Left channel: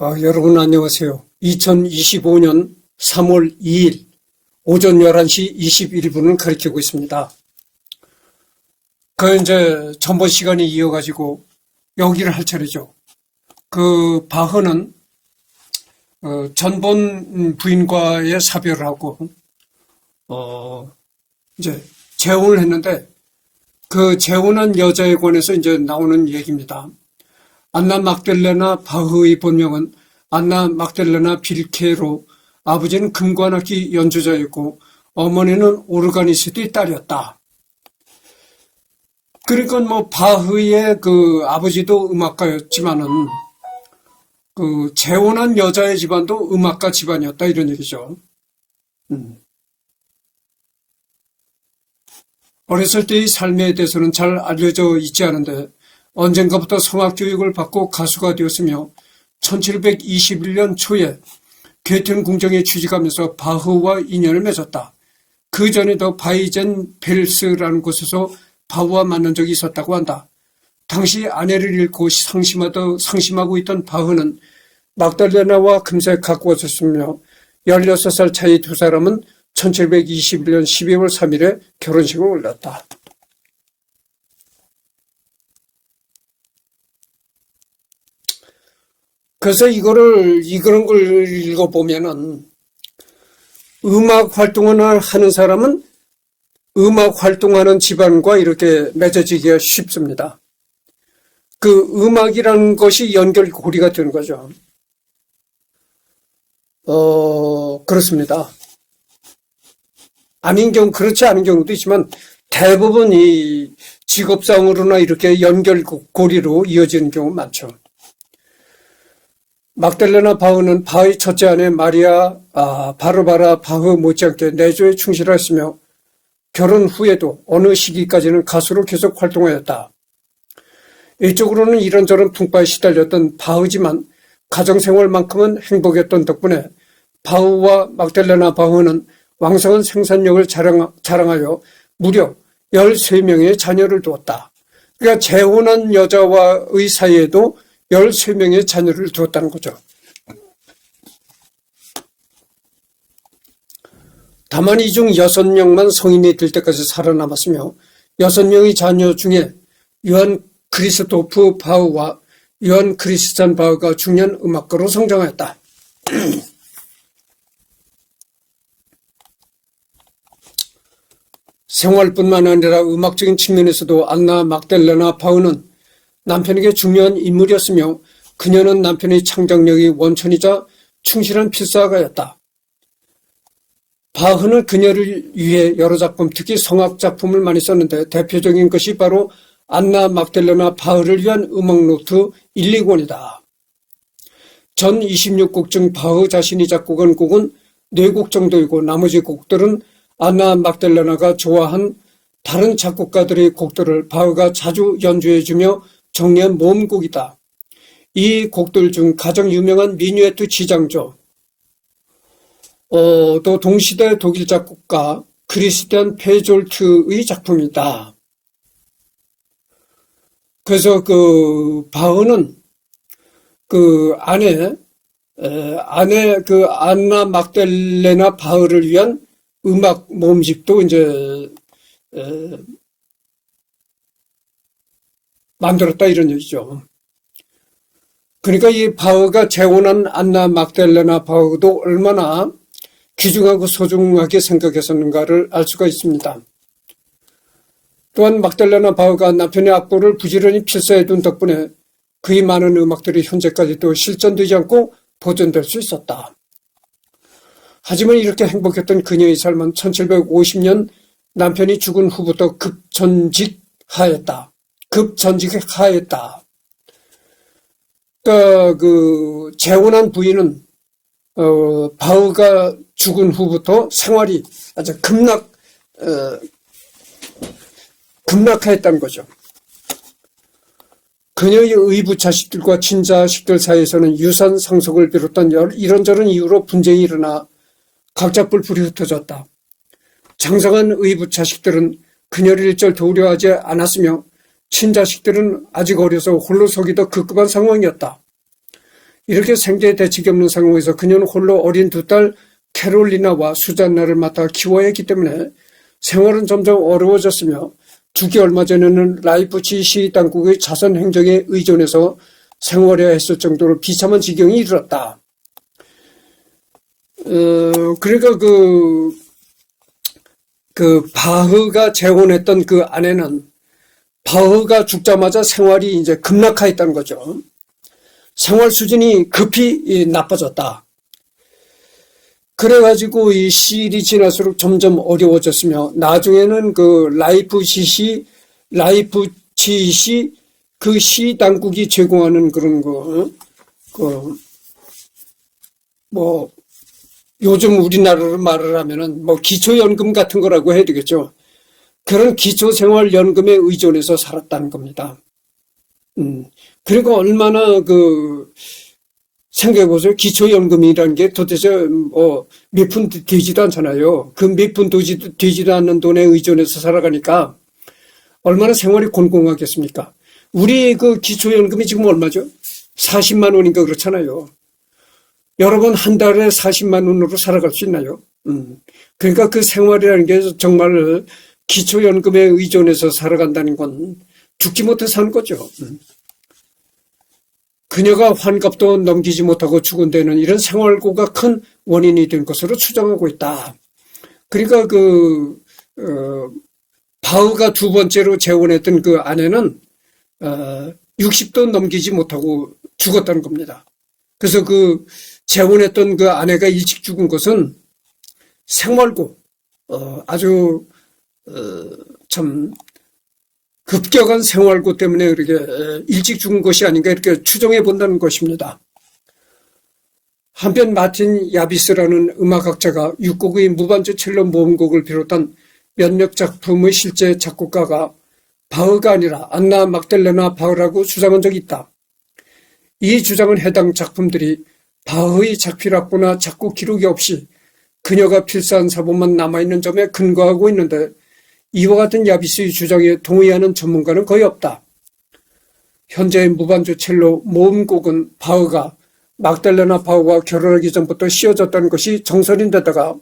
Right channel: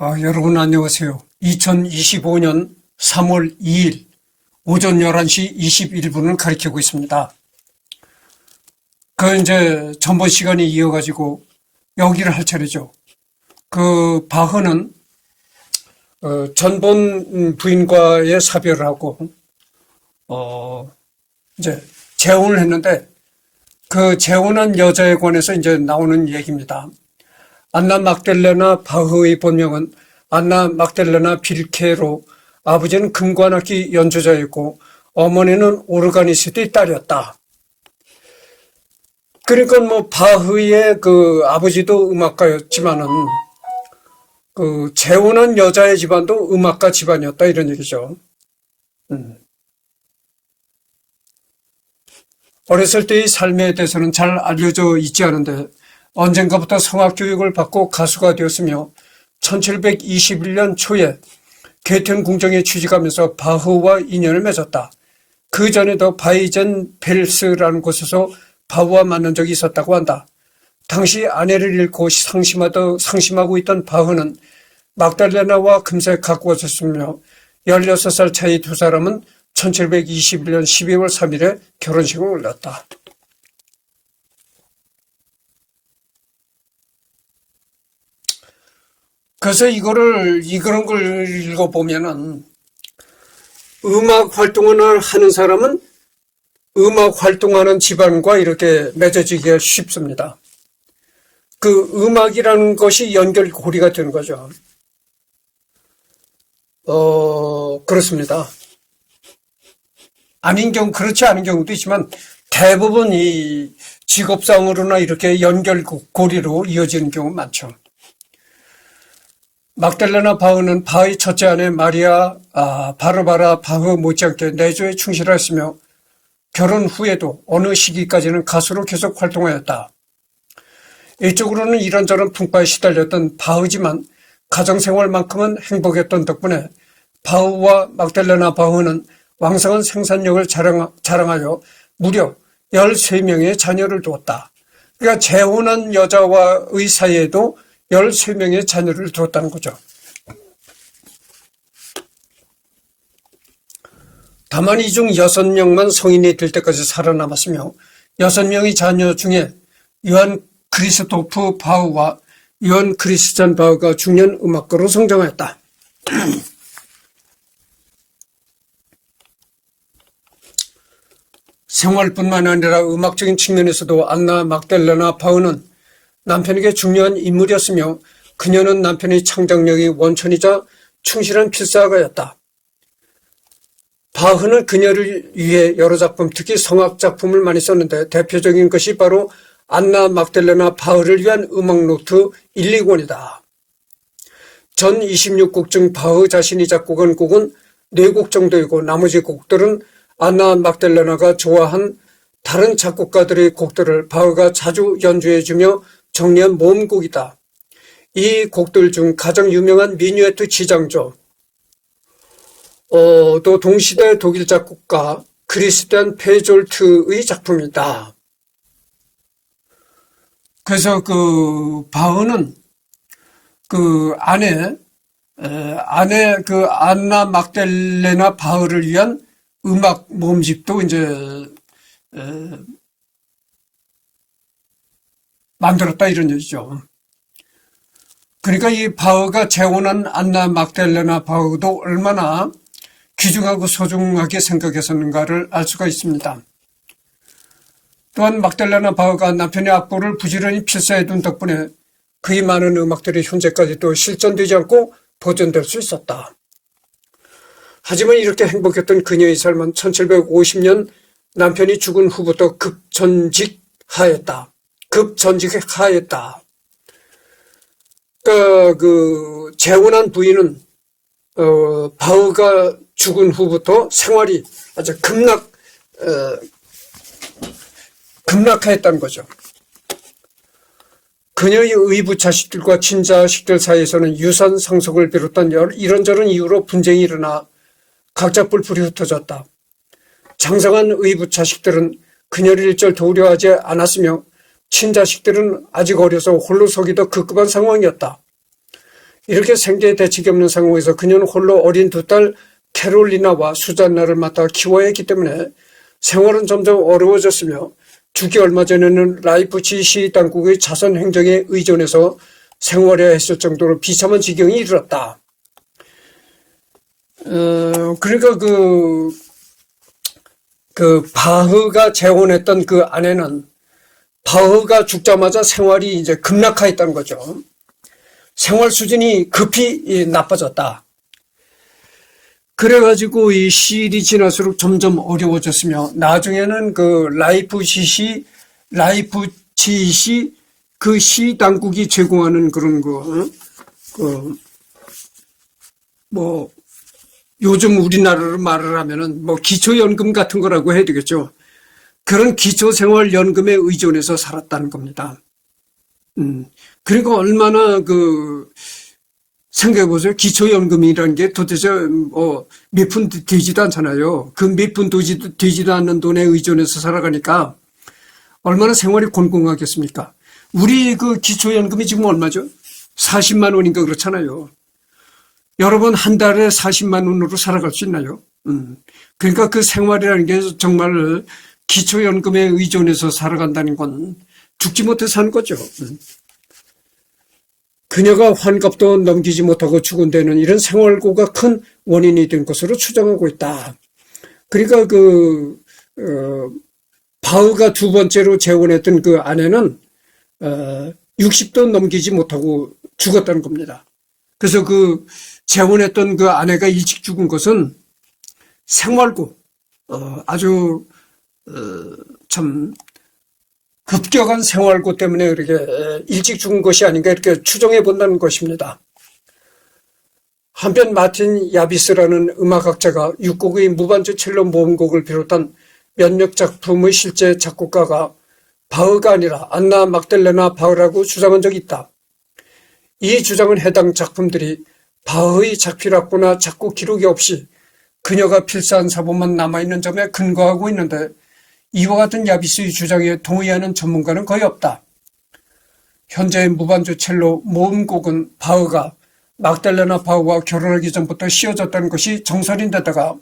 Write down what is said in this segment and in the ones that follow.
여러분 안녕하세요. 2025년 3월 2일 오전 11시 21분을 가리키고 있습니다. 이제 전번 시간에 이어가지고 여기를 할 차례죠. 바흐는 전본 부인과의 사별을 하고 이제 재혼을 했는데 그 재혼한 여자에 관해서 이제 나오는 얘기입니다. 안나 막델레나 바흐의 본명은 안나 막델레나 빌케로, 아버지는 금관악기 연주자였고 어머니는 오르가니스트의 딸이었다. 그러니까 바흐의 아버지도 음악가였지만은 재혼한 여자의 집안도 음악가 집안이었다, 이런 얘기죠. 어렸을 때의 삶에 대해서는 잘 알려져 있지 않은데 언젠가부터 성악 교육을 받고 가수가 되었으며 1721년 초에 게텐 궁정에 취직하면서 바흐와 인연을 맺었다. 그 전에도 바이젠펠스라는 곳에서 바흐와 만난 적이 있었다고 한다. 당시 아내를 잃고 상심하고 있던 바흐는 막달레나와 금세 갖고 있었으며 16살 차이 두 사람은 1721년 12월 3일에 결혼식을 올렸다. 그래서 이런 걸 읽어보면은 음악 활동을 하는 사람은 음악 활동하는 집안과 이렇게 맺어지기가 쉽습니다. 음악이라는 것이 연결고리가 되는 거죠. 그렇습니다. 그렇지 않은 경우도 있지만 대부분 이 직업상으로나 이렇게 연결고리로 이어지는 경우 많죠. 막달레나 바흐는 바흐의 첫째 아내 마리아 바르바라 바흐 못지않게 내조에 충실했으며 결혼 후에도 어느 시기까지는 가수로 계속 활동하였다. 이쪽으로는 이런저런 풍파에 시달렸던 바흐지만 가정생활만큼은 행복했던 덕분에 바흐와 막달레나 바흐는 왕성한 생산력을 자랑하여 무려 13명의 자녀를 두었다. 그러니까 재혼한 여자와의 사이에도 13명의 자녀를 두었다는 거죠. 다만 이 중 6명만 성인이 될 때까지 살아남았으며 6명의 자녀 중에 요한 크리스토프 바흐와 요한 크리스찬 바흐가 중년 음악가로 성장하였다. 생활뿐만 아니라 음악적인 측면에서도 안나 막달레나 바흐는 남편에게 중요한 인물이었으며 그녀는 남편의 창작력이 원천이자 충실한 필사가였다. 바흐는 그녀를 위해 여러 작품, 특히 성악 작품을 많이 썼는데 대표적인 것이 바로 안나 막달레나 바흐를 위한 음악 노트 1, 2권이다. 전 26곡 중 바흐 자신이 작곡한 곡은 4곡 정도이고 나머지 곡들은 안나 막달레나가 좋아한 다른 작곡가들의 곡들을 바흐가 자주 연주해주며 정리한 모음곡이다. 이 곡들 중 가장 유명한 미뉴에트 지장조, 또 동시대 독일 작곡가 크리스티안 페졸트의 작품이다. 그래서 바흐는 아내 안나 막달레나 바흐를 위한 음악 모음집도 이제 만들었다, 이런 얘기죠. 그러니까 이 바흐가 재혼한 안나 막달레나 바흐도 얼마나 귀중하고 소중하게 생각했었는가를 알 수가 있습니다. 또한 막달레나 바흐가 남편의 악보를 부지런히 필사해둔 덕분에 그의 많은 음악들이 현재까지도 실전되지 않고 보존될 수 있었다. 하지만 이렇게 행복했던 그녀의 삶은 1750년 남편이 죽은 후부터 급전직하였다. 그러니까 재혼한 부인은 바흐가 죽은 후부터 생활이 아주 급락하였다는 거죠. 그녀의 의부 자식들과 친자식들 사이에서는 유산 상속을 비롯한 이런저런 이유로 분쟁이 일어나 각자 뿔뿔이 흩어졌다. 장성한 의부 자식들은 그녀를 일절 도우려하지 않았으며 친자식들은 아직 어려서 홀로 서기 더 급급한 상황이었다. 이렇게 생계 대책이 없는 상황에서 그녀는 홀로 어린 두 딸 캐롤리나와 수잔나를 맡아 키워야 했기 때문에 생활은 점점 어려워졌으며 죽기 얼마 전에는 라이프치 시 당국의 자선 행정에 의존해서 생활해야 했을 정도로 비참한 지경이 이르렀다. 그러니까 바흐가 재혼했던 그 아내는 바흐가 죽자마자 생활이 이제 급락하였다는 거죠. 생활 수준이 급히 나빠졌다. 그래가지고 이 시일이 지날수록 점점 어려워졌으며 나중에는 그 라이프치시 그 시 당국이 제공하는 그런 뭐 요즘 우리나라로 말을 하면은 뭐 기초연금 같은 거라고 해야 되겠죠. 그런 기초생활연금에 의존해서 살았다는 겁니다. 그러니까 얼마나 생각해보세요. 기초연금이라는 게 도대체 몇 푼 되지도 않잖아요. 그 몇 푼 되지도 않는 돈에 의존해서 살아가니까 얼마나 생활이 곤궁하겠습니까? 우리 그 기초연금이 지금 얼마죠? 40만 원인가 그렇잖아요. 여러분 한 달에 40만 원으로 살아갈 수 있나요? 그러니까 그 생활이라는 게 정말 기초연금에 의존해서 살아간다는 건 죽지 못해 사는 거죠. 그녀가 환갑도 넘기지 못하고 죽은 데는 이런 생활고가 큰 원인이 된 것으로 추정하고 있다. 그러니까 바흐가 두 번째로 재혼했던 그 아내는 60도 넘기지 못하고 죽었다는 겁니다. 그래서 그 재혼했던 그 아내가 일찍 죽은 것은 생활고 아주 참 급격한 생활고 때문에 그렇게 일찍 죽은 것이 아닌가 이렇게 추정해 본다는 것입니다. 한편 마틴 야비스라는 음악학자가 6곡의 무반주 첼로 모음곡을 비롯한 몇몇 작품의 실제 작곡가가 바흐가 아니라 안나 막달레나 바흐라고 주장한 적이 있다. 이 주장은 해당 작품들이 바흐의 작필학보나 작곡 기록이 없이 그녀가 필사한 사본만 남아있는 점에 근거하고 있는데 이와 같은 야비스의 주장에 동의하는 전문가는 거의 없다. 현재의 무반주 첼로 모음곡은 바흐가 막달레나 바흐와 결혼하기 전부터 씌워졌다는 것이 정설인데다가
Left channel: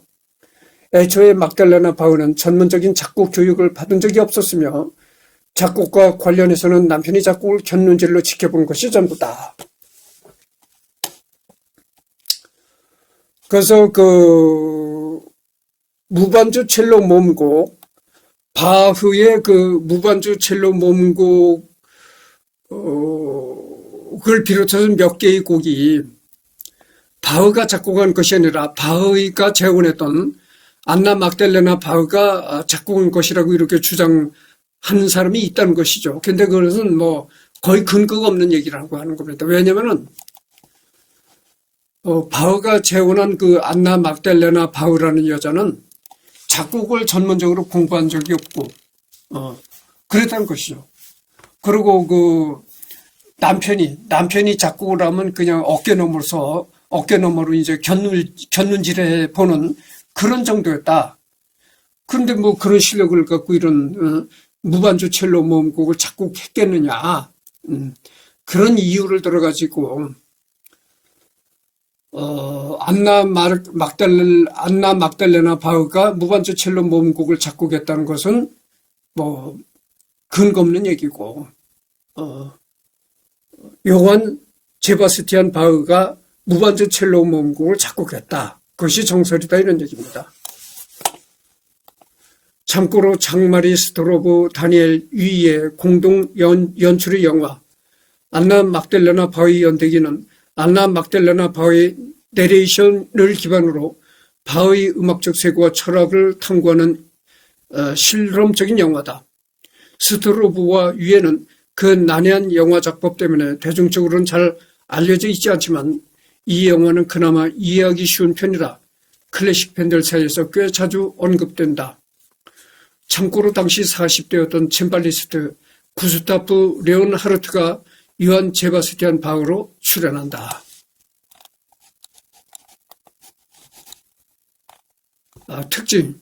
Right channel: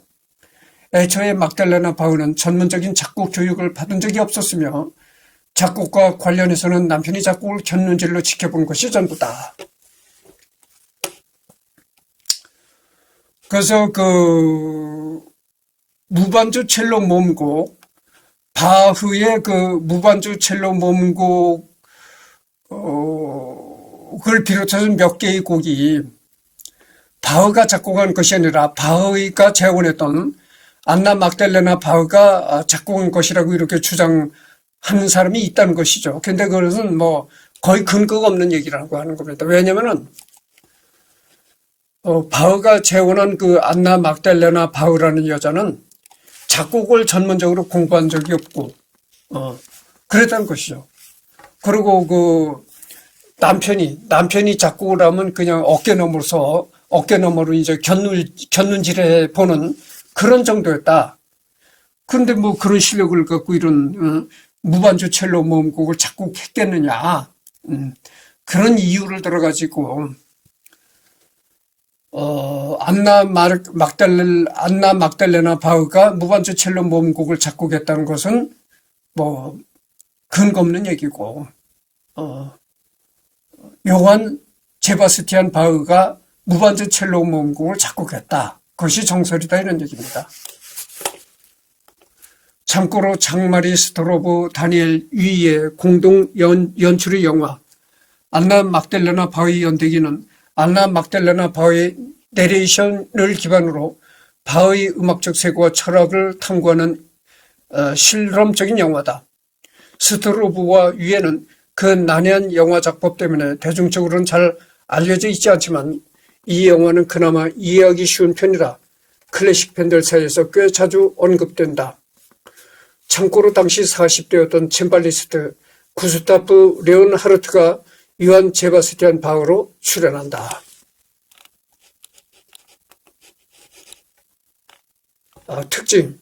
애초에 막달레나 바흐는 전문적인 작곡 교육을 받은 적이 없었으며 작곡과 관련해서는 남편이 작곡을 곁눈질로 지켜본 것이 전부다. 그래서 그 무반주 첼로 모음곡 바흐의 그 무반주 첼로 모음곡을 비롯해서 몇 개의 곡이 바흐가 작곡한 것이 아니라 바흐가 재혼했던 안나 막달레나 바흐가 작곡한 것이라고 이렇게 주장하는 사람이 있다는 것이죠. 근데 그것은 뭐 거의 근거가 없는 얘기라고 하는 겁니다. 왜냐면은 바흐가 재혼한 그 안나 막달레나 바흐라는 여자는 작곡을 전문적으로 공부한 적이 없고 그랬다는 것이죠. 그리고 그 남편이 작곡을 하면 그냥 어깨 너머로 이제 곁눈질해 보는 그런 정도였다. 그런데 뭐 그런 실력을 갖고 이런 무반주 첼로 모음곡을 작곡했겠느냐. 그런 이유를 들어가지고 안나 막달레나 바흐가 무반주 첼로 모음곡을 작곡했다는 것은 뭐 근거 없는 얘기고 요한 제바스티안 바흐가 무반주 첼로 모음곡을 작곡했다. 그것이 정설이다 이런 얘기입니다. 참고로 장마리 스토로브 다니엘 위의 공동 연출의 영화 안나 막달레나 바흐의 연대기는 안나 막달레나 바흐의 내레이션을 기반으로 바흐의 음악적 세계와 철학을 탐구하는 실험적인 영화다. 스토로브와 위에는 그 난해한 영화 작법 때문에 대중적으로는 잘 알려져 있지 않지만 이 영화는 그나마 이해하기 쉬운 편이라 클래식 팬들 사이에서 꽤 자주 언급된다. 참고로 당시 40대였던 쳔발리스트 구스타프 레온하르트가 요한 제바스티안 바흐로 출연한다. 특징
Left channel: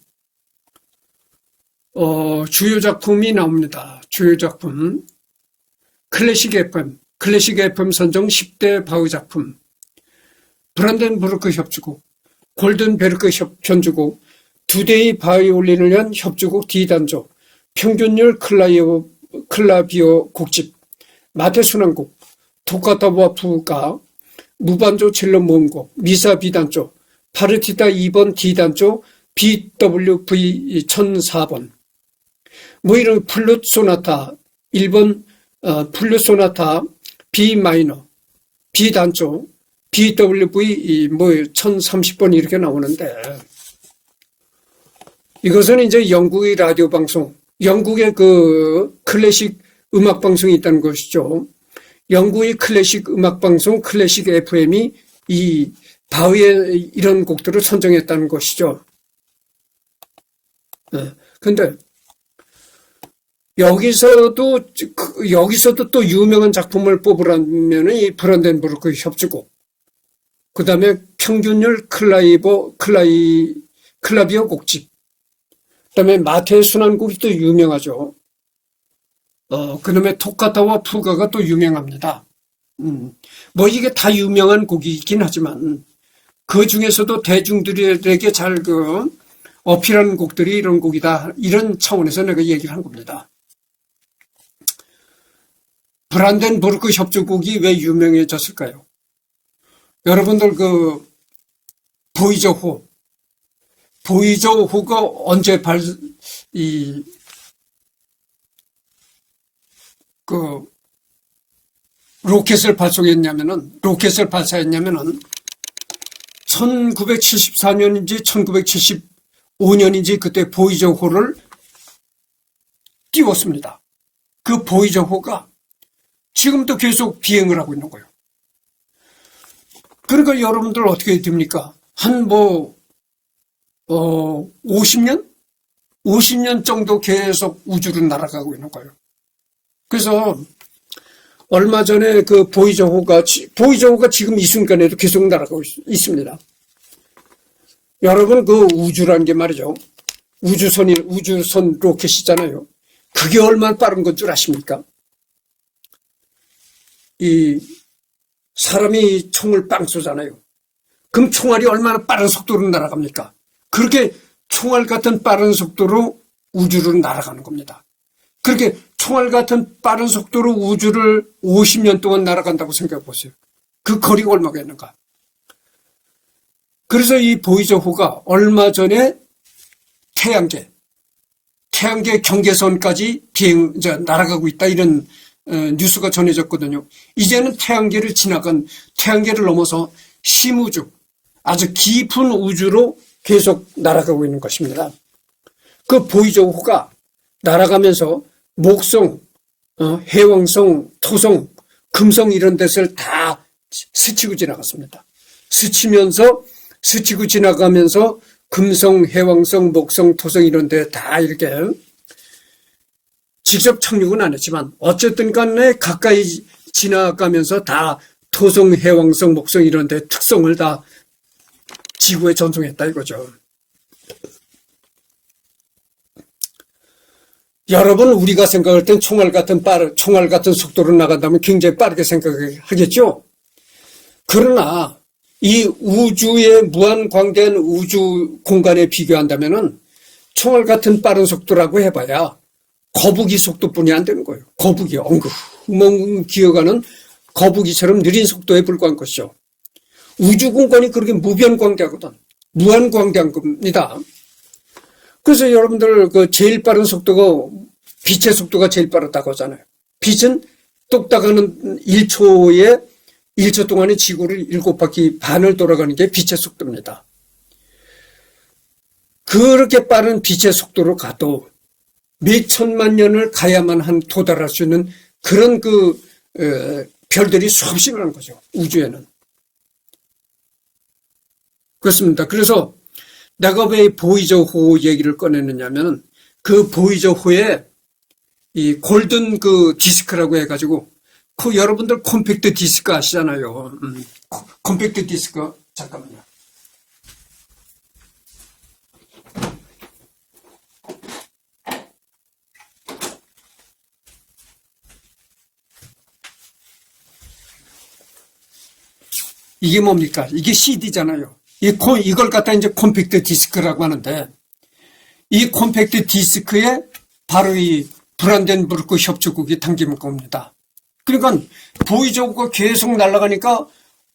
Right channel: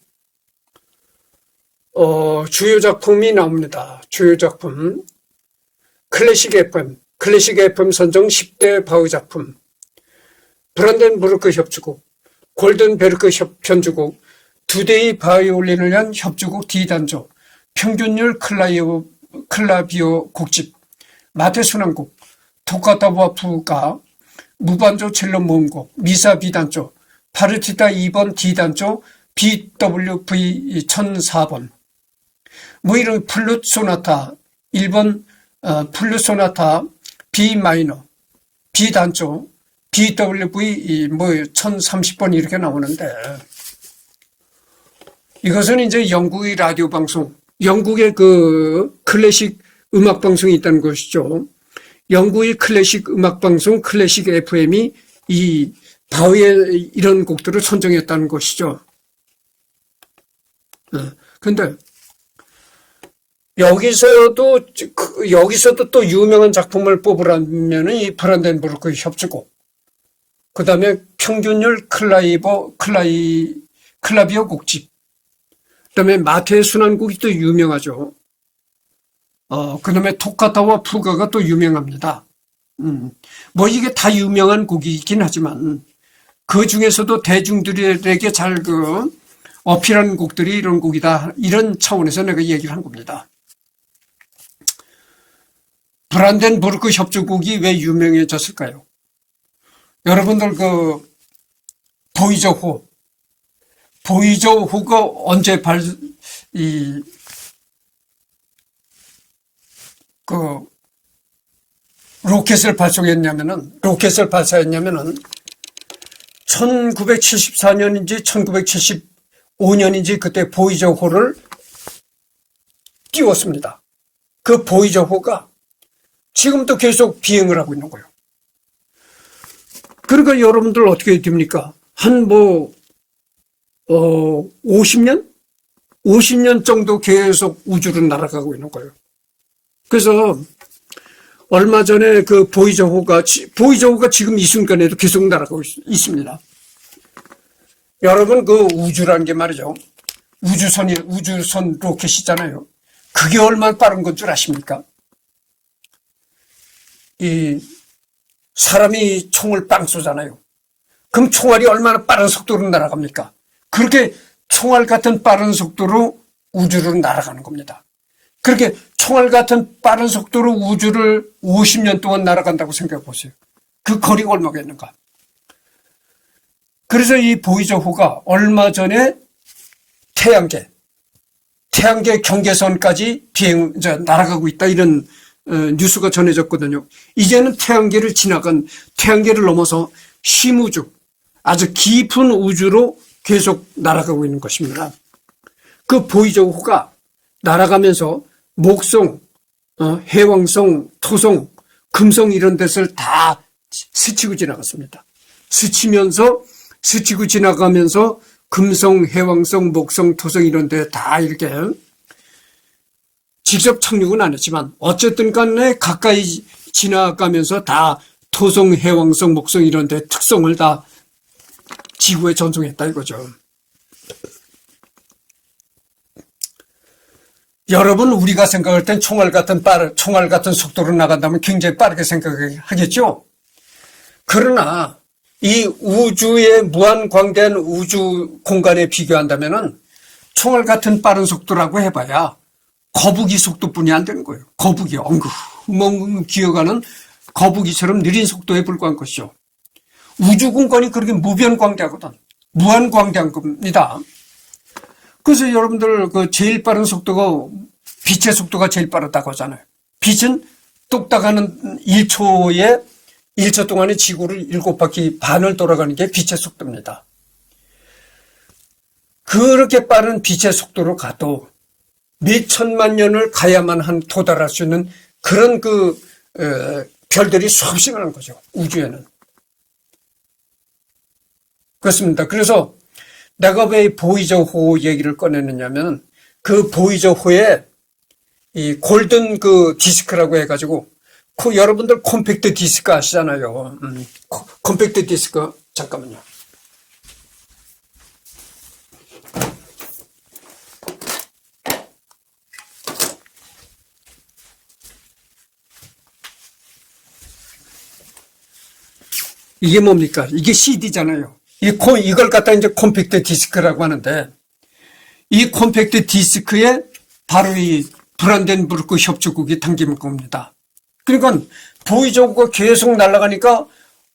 주요 작품이 나옵니다. 주요 작품 클래식 FM 선정 10대 바흐 작품 브란덴부르크 협주곡, 골든베르크 편주곡, 두 대의 바이올린을 위한 협주곡 D단조, 평균율 클라비오 곡집, 마테순환곡, 토카타와 부가, 무반조 첼로 모음곡, 미사 B단조, 파르티타 2번 D단조, BWV 1004번, 뭐 이런 플룻 소나타 1번 플룻 소나타 B 마이너, B단조, BWV 뭐 1030번 이렇게 나오는데, 이것은 이제 영국의 라디오 방송, 영국의 그 클래식 음악 방송이 있다는 것이죠. 영국의 클래식 음악 방송 클래식 FM이 이 바흐의 이런 곡들을 선정했다는 것이죠. 근데 여기서도 또 유명한 작품을 뽑으라면 이 브란덴부르크 협주곡, 그 다음에 평균율 클라비오 곡집, 그 다음에 마테의 순환곡이 또 유명하죠. 그 다음에 토카타와 푸가가 또 유명합니다. 뭐 이게 다 유명한 곡이긴 하지만 그 중에서도 대중들에게 잘 어필하는 곡들이 이런 곡이다. 이런 차원에서 내가 얘기를 한 겁니다. 브란덴부르크 협주곡이 왜 유명해졌을까요? 여러분들 보이저호가 언제 로켓을 발사했냐면은 1974년인지 1975년인지 그때 보이저호를 띄웠습니다. 그 보이저호가 지금도 계속 비행을 하고 있는 거예요. 그러니까 여러분들 어떻게 됩니까? 한 50년? 50년 정도 계속 우주로 날아가고 있는 거예요. 그래서 얼마 전에 그 보이저호가 지금 이 순간에도 계속 날아가고 있습니다. 여러분 그 우주라는 게 말이죠. 우주선 로켓이잖아요. 그게 얼마나 빠른 건 줄 아십니까? 사람이 총을 빵 쏘잖아요. 그럼 총알이 얼마나 빠른 속도로 날아갑니까? 그렇게 총알 같은 빠른 속도로 우주를 날아가는 겁니다. 그렇게 총알 같은 빠른 속도로 우주를 50년 동안 날아간다고 생각해 보세요. 그 거리가 얼마겠는가? 그래서 이 보이저호가 얼마 전에 태양계 경계선까지 날아가고 있다, 이런 뉴스가 전해졌거든요. 이제는 태양계를 넘어서 심우주, 아주 깊은 우주로 계속 날아가고 있는 것입니다. 그 보이저호가 날아가면서 목성, 해왕성, 토성, 금성 이런 데를 다 스치고 지나갔습니다. 스치고 지나가면서 금성, 해왕성, 목성, 토성 이런 데 다 이렇게 직접 착륙은 안 했지만 어쨌든 간에 가까이 지나가면서 다 토성, 해왕성, 목성 이런 데 특성을 다 지구에 전송했다 이거죠. 여러분, 우리가 생각할 땐 총알 같은 속도로 나간다면 굉장히 빠르게 생각하겠죠? 그러나 이 우주의 무한광대한 우주 공간에 비교한다면은 총알 같은 빠른 속도라고 해봐야 거북이 속도뿐이 안 되는 거예요. 거북이 엉금 기어가는 거북이처럼 느린 속도에 불과한 것이죠. 우주 공간이 그렇게 무변광대하거든. 무한광대한 겁니다. 그래서 여러분들 제일 빠른 속도가 빛의 속도가 제일 빠르다고 하잖아요. 빛은 똑딱하는 1초 동안에 지구를 7바퀴 반을 돌아가는 게 빛의 속도입니다. 그렇게 빠른 빛의 속도로 가도 몇 천만 년을 가야만 도달할 수 있는 그런 별들이 수없이 많은 거죠. 우주에는. 그렇습니다. 그래서 내가 왜 보이저호 얘기를 꺼내느냐면 그 보이저호에 이 골든 디스크라고 해가지고 여러분들 컴팩트 디스크 아시잖아요. 컴팩트 디스크 잠깐만요. 이게 뭡니까? 이게 CD잖아요. 이걸 갖다 이제 콤팩트 디스크라고 하는데, 이 콤팩트 디스크에 바로 이 브란덴부르크 협주국이 담긴 겁니다. 그러니까 보이저우가 계속 날아가니까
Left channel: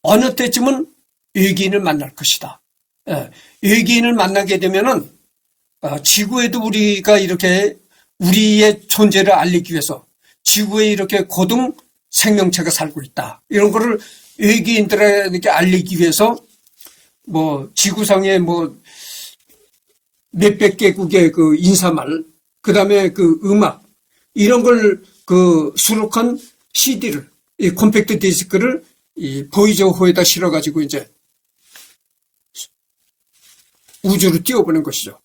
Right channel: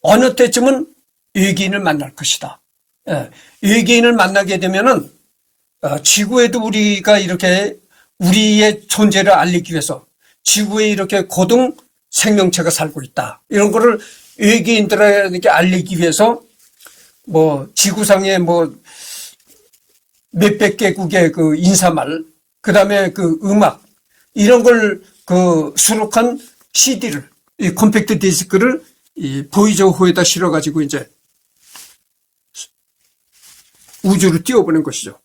어느 때쯤은 외계인을 만날 것이다. 예, 외계인을 만나게 되면은 지구에도 우리가 이렇게 우리의 존재를 알리기 위해서 지구에 이렇게 고등 생명체가 살고 있다. 이런 거를 외계인들에게 알리기 위해서 뭐 지구상에 뭐 몇백 개국의 그 인사말, 그 다음에 그 음악, 이런 걸 그 수록한 CD를, 이 콤팩트 디스크를 이 보이저호에다 실어가지고 이제 우주로 띄워보는 것이죠.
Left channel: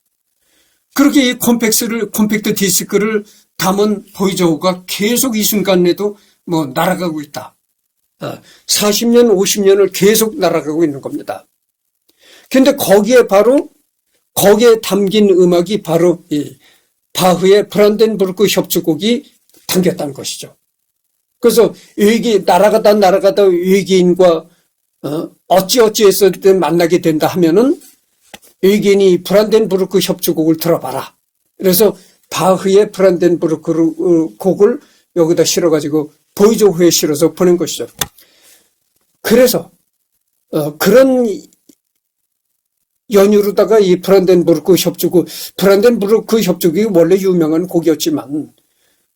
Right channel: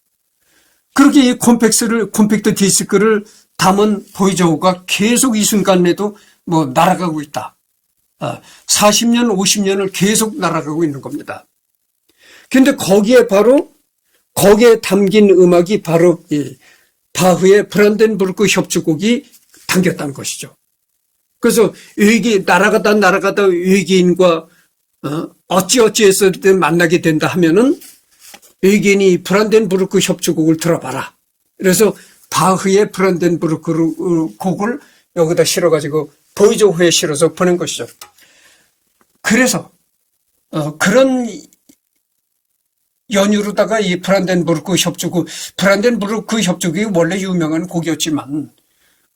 그렇게 이 콤팩트 디스크를 담은 보이저호가 계속 이 순간에도 뭐 날아가고 있다. 40년, 50년을 계속 날아가고 있는 겁니다. 근데 거기에 담긴 음악이 바로 이 바흐의 브란덴부르크 협주곡이 담겼다는 것이죠. 그래서 날아가다 외계인과 어찌어찌해서 만나게 된다 하면은 외계인이 브란덴부르크 협주곡을 들어봐라. 그래서 바흐의 브란덴부르크 곡을 여기다 실어가지고 보이저호에 실어서 보낸 것이죠. 그래서 그런 연유로다가 이 브란덴부르크 협주곡이 원래 유명한 곡이었지만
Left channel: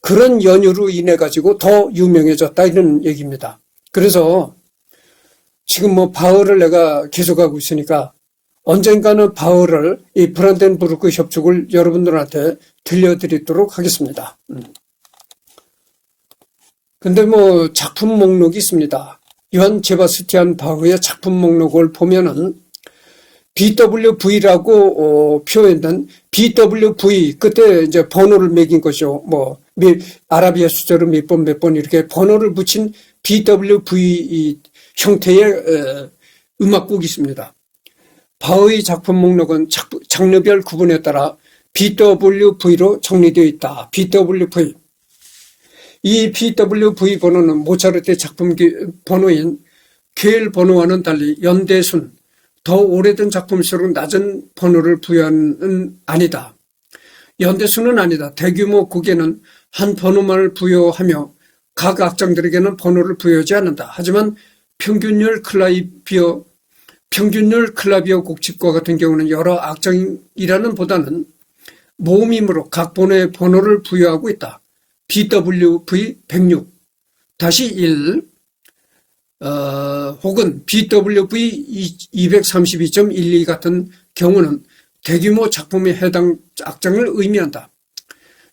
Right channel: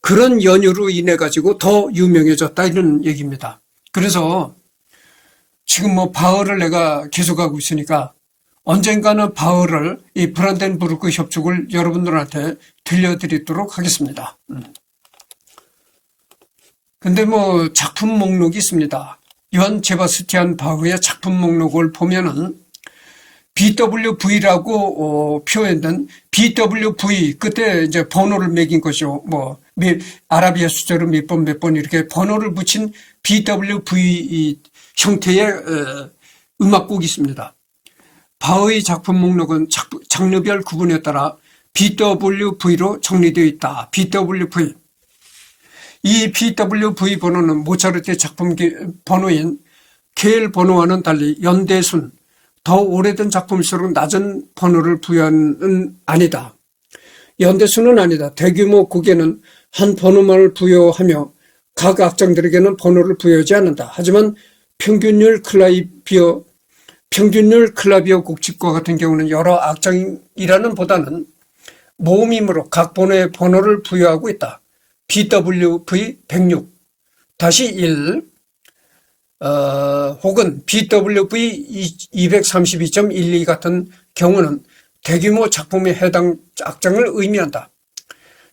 그런 연유로 인해 가지고 더 유명해졌다 이런 얘기입니다. 그래서 지금 뭐 바흐를 내가 계속하고 있으니까 언젠가는 바흐를 이 브란덴부르크 협주곡을 여러분들한테 들려드리도록 하겠습니다. 근데 뭐 작품 목록이 있습니다. 요한 세바스티안 바흐의 작품 목록을 보면은 BWV라고 표현된 BWV 끝에 이제 번호를 매긴 것이죠. 뭐 아라비아 숫자로 몇 번 이렇게 번호를 붙인 BWV 형태의 음악곡이 있습니다. 바흐의 작품 목록은 장르별 구분에 따라 BWV로 정리되어 있다. BWV. 이 BWV 번호는 모차르트의 작품 번호인 계열 번호와는 달리 연대순, 더 오래된 작품일수록 낮은 번호를 부여하는 아니다. 연대수는 아니다. 대규모 곡에는 한 번호만을 부여하며 각 악장들에게는 번호를 부여하지 않는다. 하지만 평균율 클라비어 곡집과 같은 경우는 여러 악장이라는 보다는 모음이므로 각 번호에 번호를 부여하고 있다. BWV 106, 다시 1, 혹은 BWV 232.12 같은 경우는 대규모 작품에 해당 악장을 의미한다.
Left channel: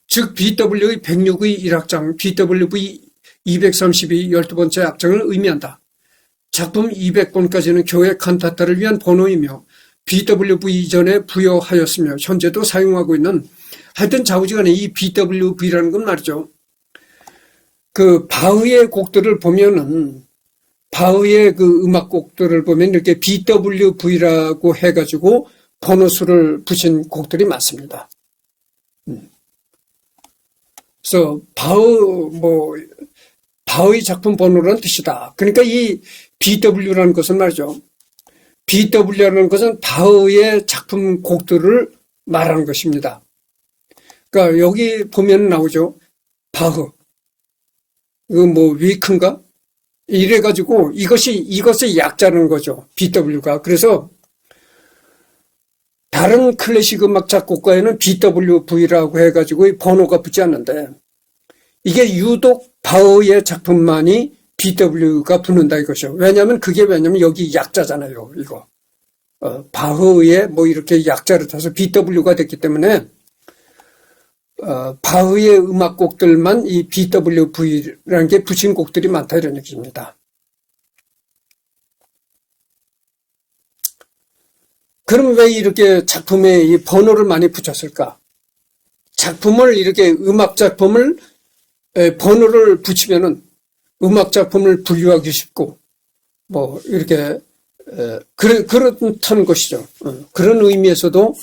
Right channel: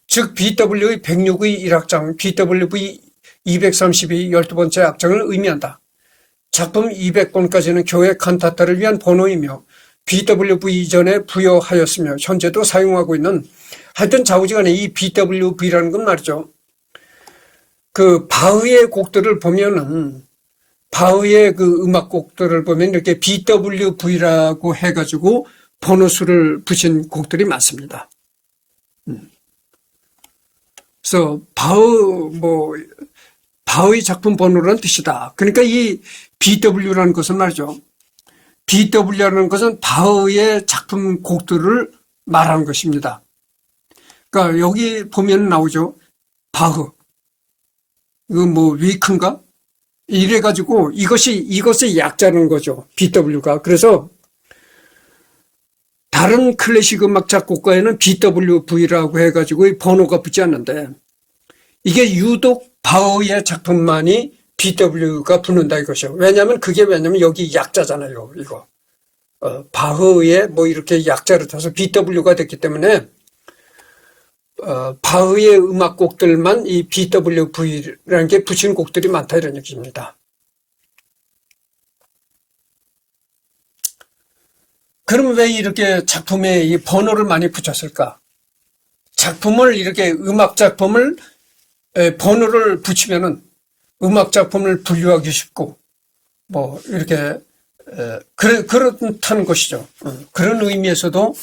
즉 BWV 106의 1악장, BWV 232 12번째 악장을 의미한다. 작품 200번까지는 교회 칸타타를 위한 번호이며 BWV 이전에 부여하였으며 현재도 사용하고 있는, 하여튼 좌우지간에 이 BWV라는 건 말이죠. 그 바흐의 곡들을 보면은 바흐의 그 음악곡들을 보면 이렇게 BWV라고 해가지고 번호수를 붙인 곡들이 많습니다. 그래서 바흐의 작품 번호라는 뜻이다. 그러니까 이 BW라는 것은 말이죠. BW라는 것은 바흐의 작품 곡들을 말하는 것입니다. 그러니까 여기 보면 나오죠. 바흐. 이거 뭐 위크인가? 이래가지고 이것의 약자라는 거죠. BW가. 그래서 다른 클래식 음악 작곡가에는 BWV라고 해가지고 번호가 붙지 않는데 이게 유독 바흐의 작품만이 BW가 붙는다 이것이요. 왜냐면 여기 약자잖아요. 이거. 바흐의 뭐 이렇게 약자를 타서 BW가 됐기 때문에 바흐의 음악곡들만 이 BWV라는 게 붙인 곡들이 많다 이런 얘기입니다. 그럼 왜 이렇게 작품에 이 번호를 많이 붙였을까? 작품을 이렇게 음악 작품을 번호를 붙이면은 음악 작품을 분류하기 쉽고 뭐 이렇게 그렇다는 것이죠. 그런 의미에서도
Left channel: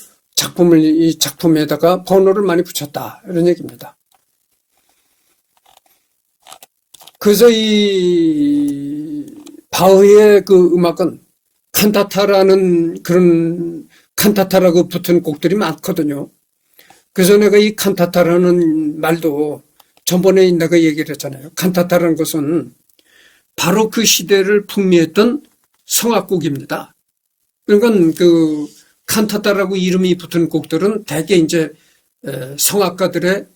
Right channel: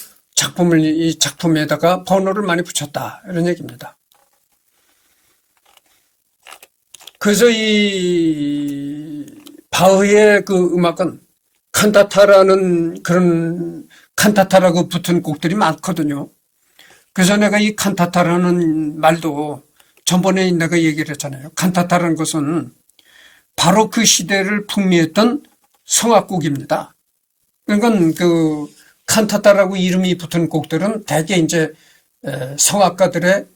이 작품에다가 번호를 많이 붙였다 이런 얘기입니다. 그래서 이 바흐의 그 음악은 칸타타라는 그런 칸타타라고 붙은 곡들이 많거든요. 그래서 내가 이 칸타타라는 말도 전번에 내가 얘기를 했잖아요. 칸타타라는 것은 바로 그 시대를 풍미했던 성악곡입니다. 그러니까 그 칸타타라고 이름이 붙은 곡들은 대개 이제 성악가들의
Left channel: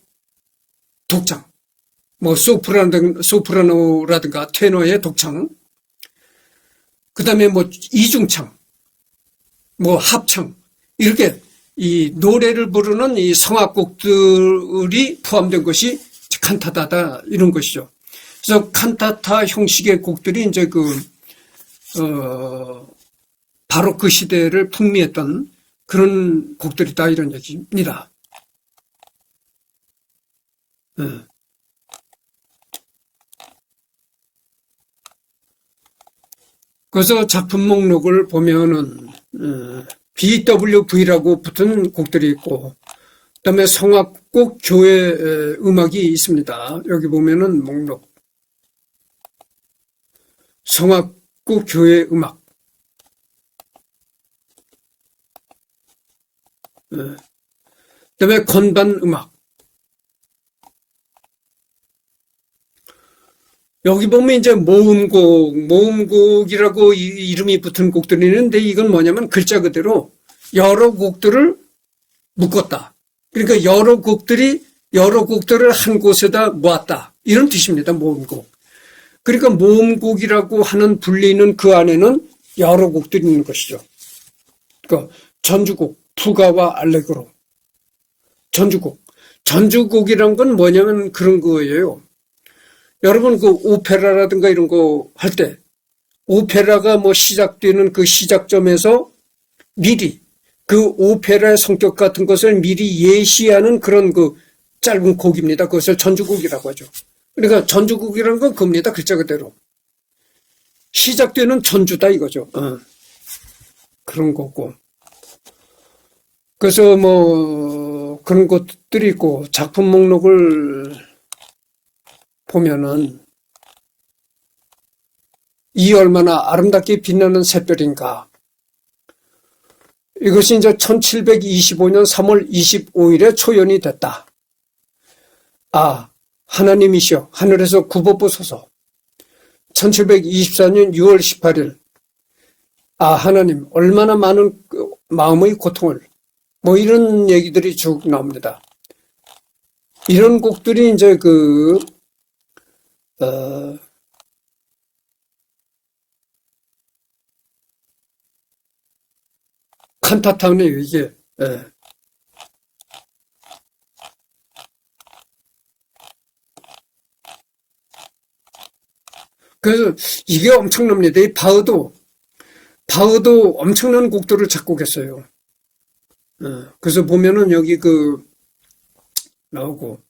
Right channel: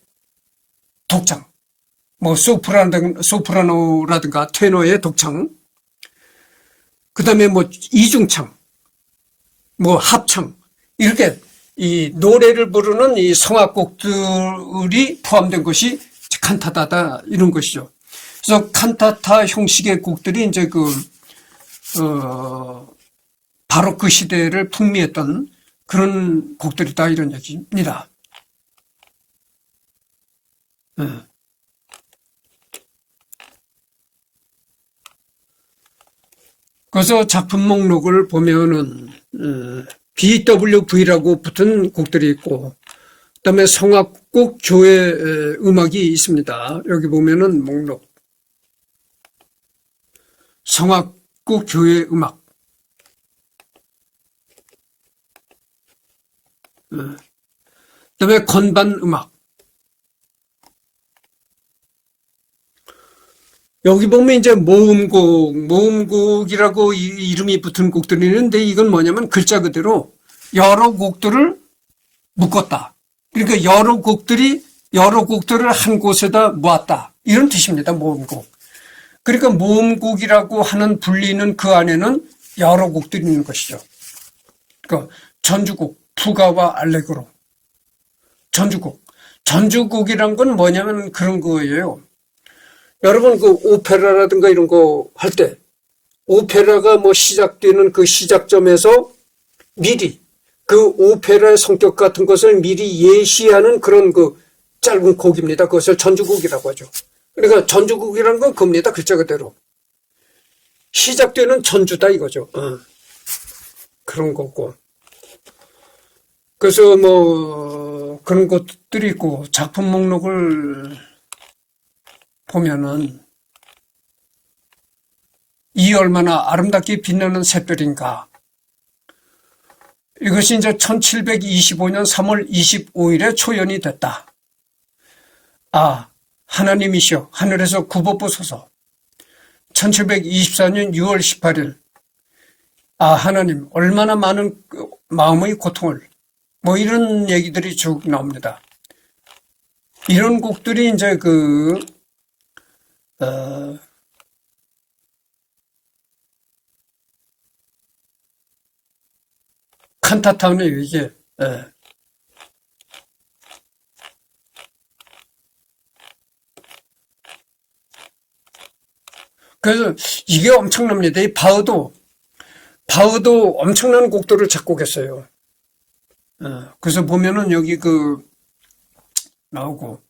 독창, 뭐 소프라노라든가 테너의 독창, 그 다음에 뭐 이중창, 뭐 합창, 이렇게 이 노래를 부르는 이 성악곡들이 포함된 것이 칸타타다 이런 것이죠. 그래서 칸타타 형식의 곡들이 이제 바로 그 시대를 풍미했던 그런 곡들이다 이런 얘기입니다. 네. 그래서 작품 목록을 보면은 BWV라고 붙은 곡들이 있고, 그다음에 성악곡 교회 음악이 있습니다. 여기 보면은 목록 성악곡 교회 음악, 그다음에 건반 음악. 여기 보면 이제 모음곡이라고 이름이 붙은 곡들이 있는데 이건 뭐냐면 글자 그대로 여러 곡들을 묶었다. 그러니까 여러 곡들을 한 곳에다 모았다. 이런 뜻입니다. 모음곡. 그러니까 모음곡이라고 하는 분리는 그 안에는 여러 곡들이 있는 것이죠. 그러니까 전주곡, 푸가와 알레그로. 전주곡이란 건 뭐냐면 그런 거예요. 여러분 그 오페라라든가 이런 거 할 때 오페라가 뭐 시작되는 그 시작점에서 미리 그 오페라의 성격 같은 것을 미리 예시하는 그런 그 짧은 곡입니다. 그것을 전주곡이라고 하죠. 그러니까 전주곡이라는 건 그겁니다. 글자 그대로. 시작되는 전주다 이거죠. 그런 거고. 그래서 뭐 그런 것들이 있고 작품 목록을 보면은 이 얼마나 아름답게 빛나는 샛별인가. 이것이 이제 1725년 3월 25일에 초연이 됐다. 아, 하나님이시여 하늘에서 굽어보소서. 1724년 6월 18일. 아, 하나님 얼마나 많은 마음의 고통을, 뭐 이런 얘기들이 쭉 나옵니다. 이런 곡들이 이제 칸타타운의 이게, 그래서 이게 엄청납니다. 이 바흐도 엄청난 곡들을 작곡했어요. 그래서 보면은 여기 나오고,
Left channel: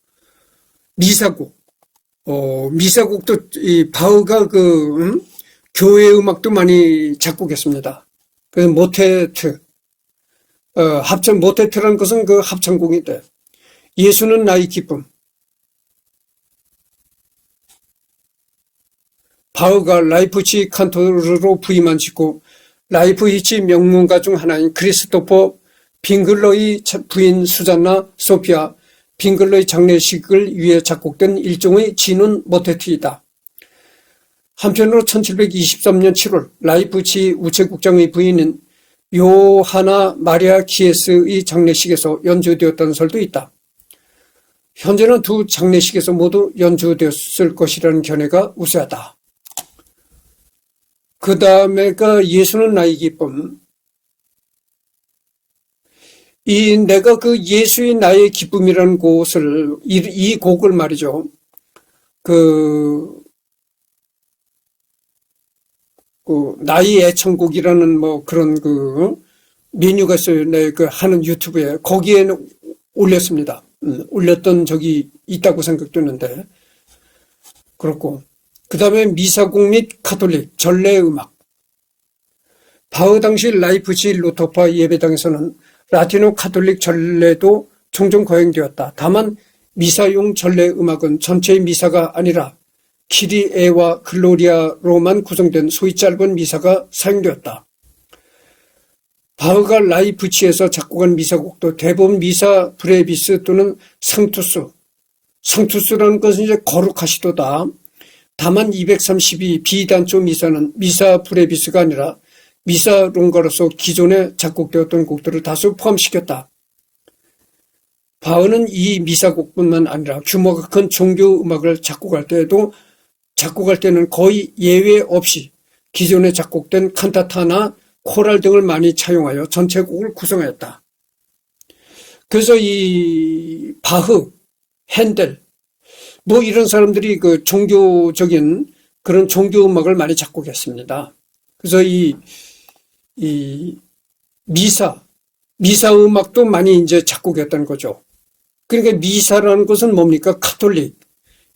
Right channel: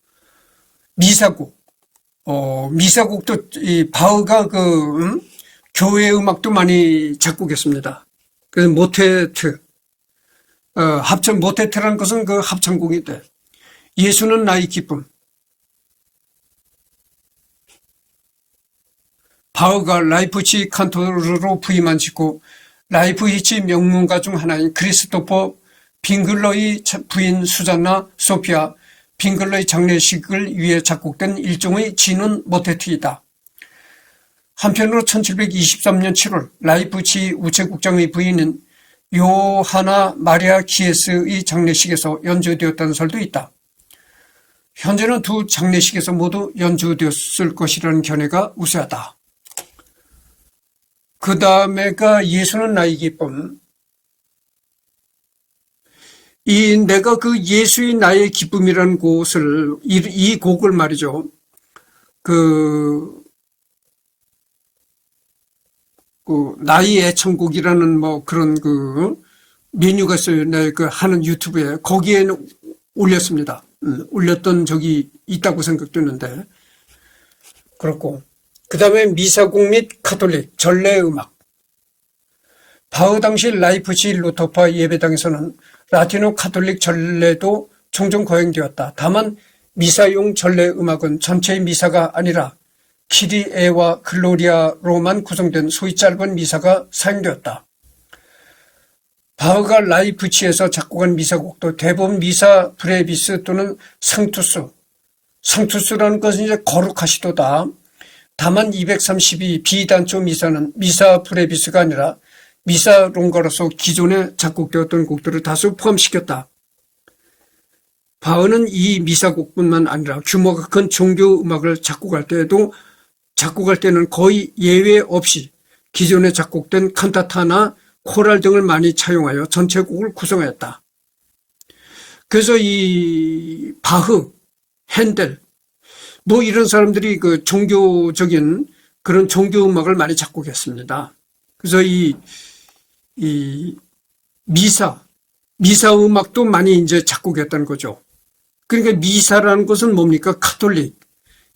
미사곡도 이 바흐가 교회 음악도 많이 작곡했습니다. 그래서 모테트, 모테트라는 것은 그 합창곡인데, 예수는 나의 기쁨. 바흐가 라이프치 칸토르로 부임한 직후 라이프치히 명문가 중 하나인 크리스토퍼 빙글러의 부인 수잔나 소피아 빙글러의 장례식을 위해 작곡된 일종의 진운 모테트이다. 한편으로 1723년 7월 라이프치히 우체국장의 부인은 요하나 마리아 키에스의 장례식에서 연주되었다는 설도 있다. 현재는 두 장례식에서 모두 연주되었을 것이라는 견해가 우세하다. 그 다음에가 예수는 나의 기쁨. 내가 그 예수의 나의 기쁨이라는 곳을, 이 곡을 말이죠. 나의 애창곡이라는 뭐 그런 메뉴가 있어요. 내가 하는 유튜브에. 거기에는 올렸습니다. 올렸던 적이 있다고 생각되는데. 그렇고. 그 다음에 미사곡 및 카톨릭, 전래음악. 바흐 당시 라이프치히 루터파 예배당에서는 라틴어 카톨릭 전래도 종종 거행되었다. 다만 미사용 전래음악은 전체의 미사가 아니라 키리에와 글로리아로만 구성된 소위 짧은 미사가 사용되었다. 바흐가 라이프치히에서 작곡한 미사곡도 대부분 미사 브레비스 또는 상투스, 상투스라는 것은 이제 거룩하시도다. 다만 232 비단조 미사는 미사 브레비스가 아니라 미사 롱가로서 기존에 작곡되었던 곡들을 다수 포함시켰다. 바흐는 이 미사곡뿐만 아니라 규모가 큰 종교 음악을 작곡할 때는 거의 예외 없이 기존에 작곡된 칸타타나 코랄 등을 많이 차용하여 전체 곡을 구성했다. 그래서 이 바흐, 핸델 뭐 이런 사람들이 그 종교적인 그런 종교 음악을 많이 작곡했습니다. 그래서 이 미사 음악도 많이 이제 작곡했다는 거죠. 그러니까 미사라는 것은 뭡니까? 카톨릭.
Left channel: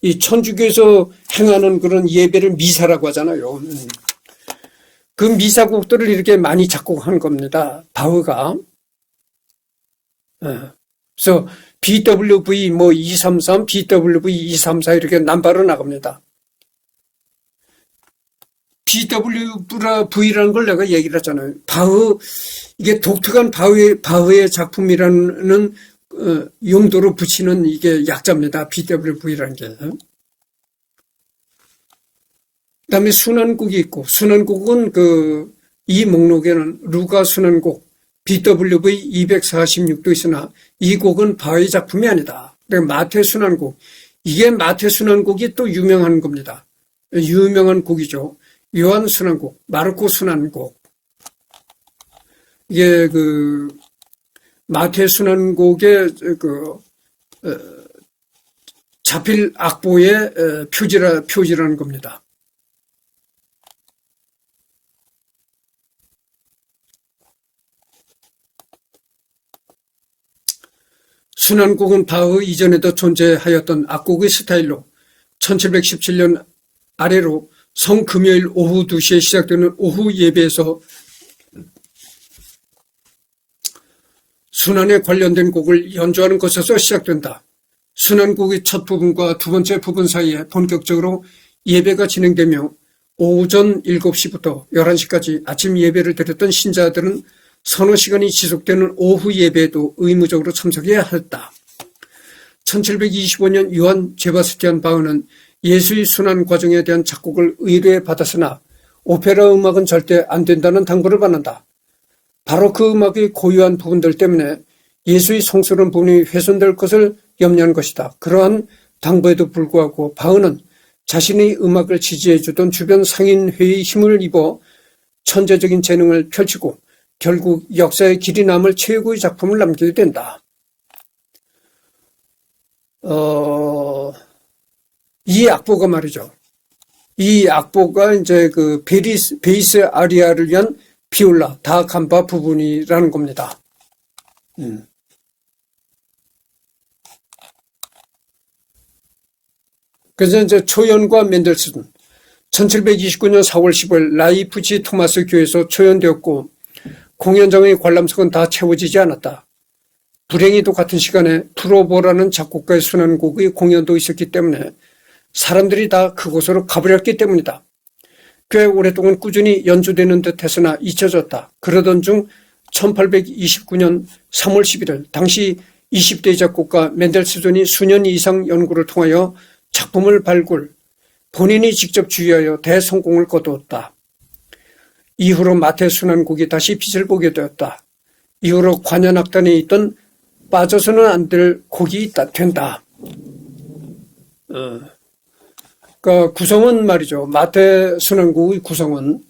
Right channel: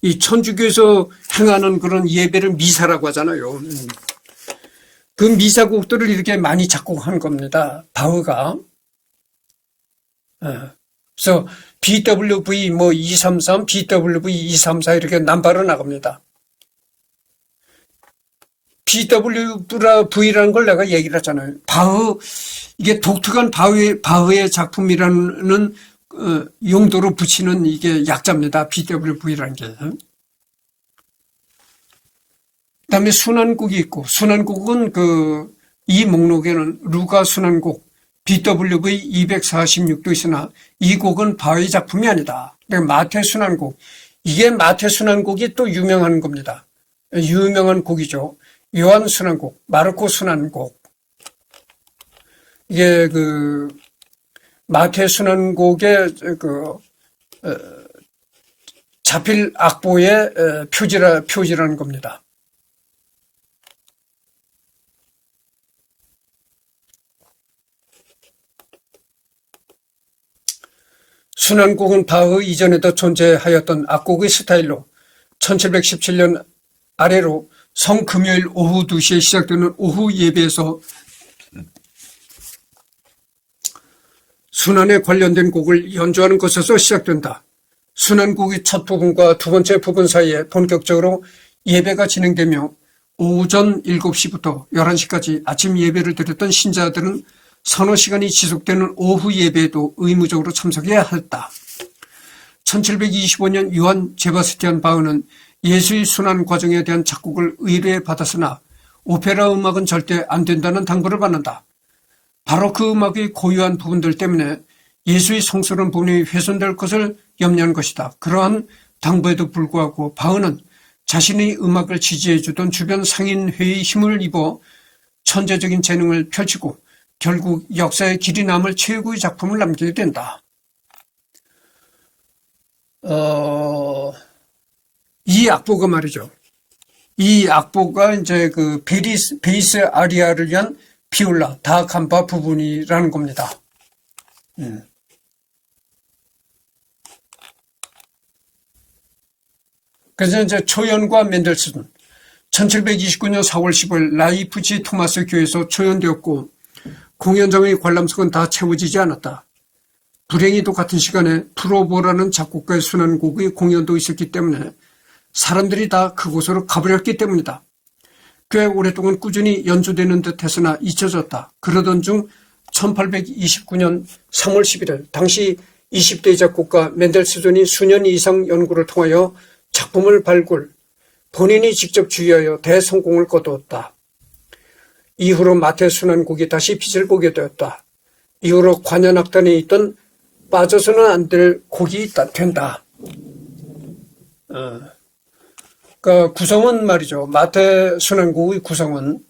이 천주교에서 행하는 그런 예배를 미사라고 하잖아요. 그 미사곡들을 이렇게 많이 작곡한 겁니다. 바흐가. 그래서 BWV 뭐 233, BWV 234 이렇게 남바로 나갑니다. BWV라는 걸 내가 얘기를 했잖아요. 바흐, 이게 독특한 바흐의 작품이라는 용도로 붙이는 이게 약자입니다. BWV라는 게. 그다음에 순환곡이 있고, 순환곡은 이 목록에는 루가 순환곡 BWV 246도 있으나 이 곡은 바흐의 작품이 아니다. 그러니까 마태 순환곡, 이게 마태 순환곡이 또 유명한 겁니다. 유명한 곡이죠. 요한 순환곡, 마르코 순환곡. 이게 마태 순환곡의 자필 악보의 표지라는 겁니다. 순환곡은 바흐 이전에도 존재하였던 악곡의 스타일로 1717년 아래로 성금요일 오후 2시에 시작되는 오후 예배에서 순환에 관련된 곡을 연주하는 것에서 시작된다. 순환곡의 첫 부분과 두 번째 부분 사이에 본격적으로 예배가 진행되며 오전 7시부터 11시까지 아침 예배를 드렸던 신자들은 서너 시간이 지속되는 오후 예배에도 의무적으로 참석해야 했다. 1725년 요한 제바스티안 바흐는 예수의 순환 과정에 대한 작곡을 의뢰받았으나 오페라 음악은 절대 안 된다는 당부를 받는다. 바로 그 음악의 고유한 부분들 때문에 예수의 성스러운 부분이 훼손될 것을 염려한 것이다. 그러한 당부에도 불구하고 바흐는 자신의 음악을 지지해주던 주변 상인회의 힘을 입어 천재적인 재능을 펼치고 결국 역사의 길이 남을 최고의 작품을 남기게 된다. 이 악보가 말이죠. 이 악보가 이제 베이스 아리아를 위한 비올라, 다캄파 부분이라는 겁니다. 그래서 이제 초연과 멘델스존, 1729년 4월 15일 라이프치 토마스 교회에서 초연되었고 공연장의 관람석은 다 채워지지 않았다. 불행히도 같은 시간에 프로보라는 작곡가의 순환곡의 공연도 있었기 때문에 사람들이 다 그곳으로 가버렸기 때문이다. 꽤 오랫동안 꾸준히 연주되는 듯 했으나 잊혀졌다. 그러던 중 1829년 3월 11일 당시 20대 작곡가 멘델스존이 수년 이상 연구를 통하여 작품을 발굴, 본인이 직접 주의하여 대성공을 거두었다. 이후로 마태 순환곡이 다시 빛을 보게 되었다. 이후로 관현악단에 있던 빠져서는 안 될 곡이 된다. 그러니까 구성은 말이죠. 마태 순환곡의 구성은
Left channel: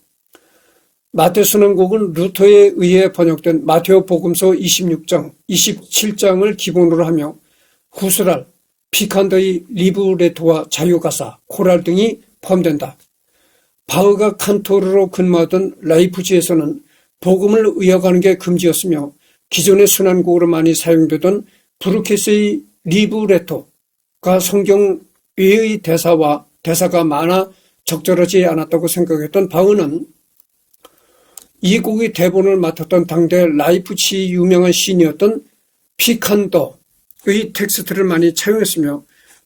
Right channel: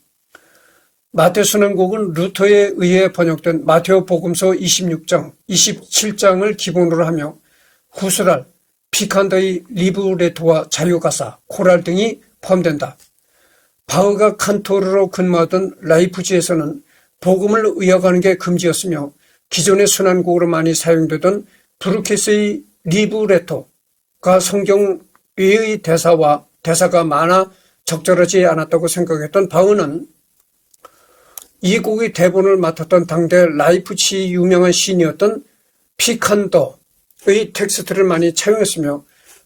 마태 순환곡은 루터에 의해 번역된 마테오 복음서 26장, 27장을 기본으로 하며 후스랄, 피칸더의 리브레토와 자유가사, 코랄 등이 포함된다. 바흐가 칸토르로 근무하던 라이프치히에서는 복음을 의역하는 게 금지였으며 기존의 순환곡으로 많이 사용되던 브루케스의 리브레토가 성경 외의 대사가 많아 적절하지 않았다고 생각했던 바흐는 이 곡의 대본을 맡았던 당대 라이프치히 유명한 시인이었던 피칸더의 텍스트를 많이 차용했으며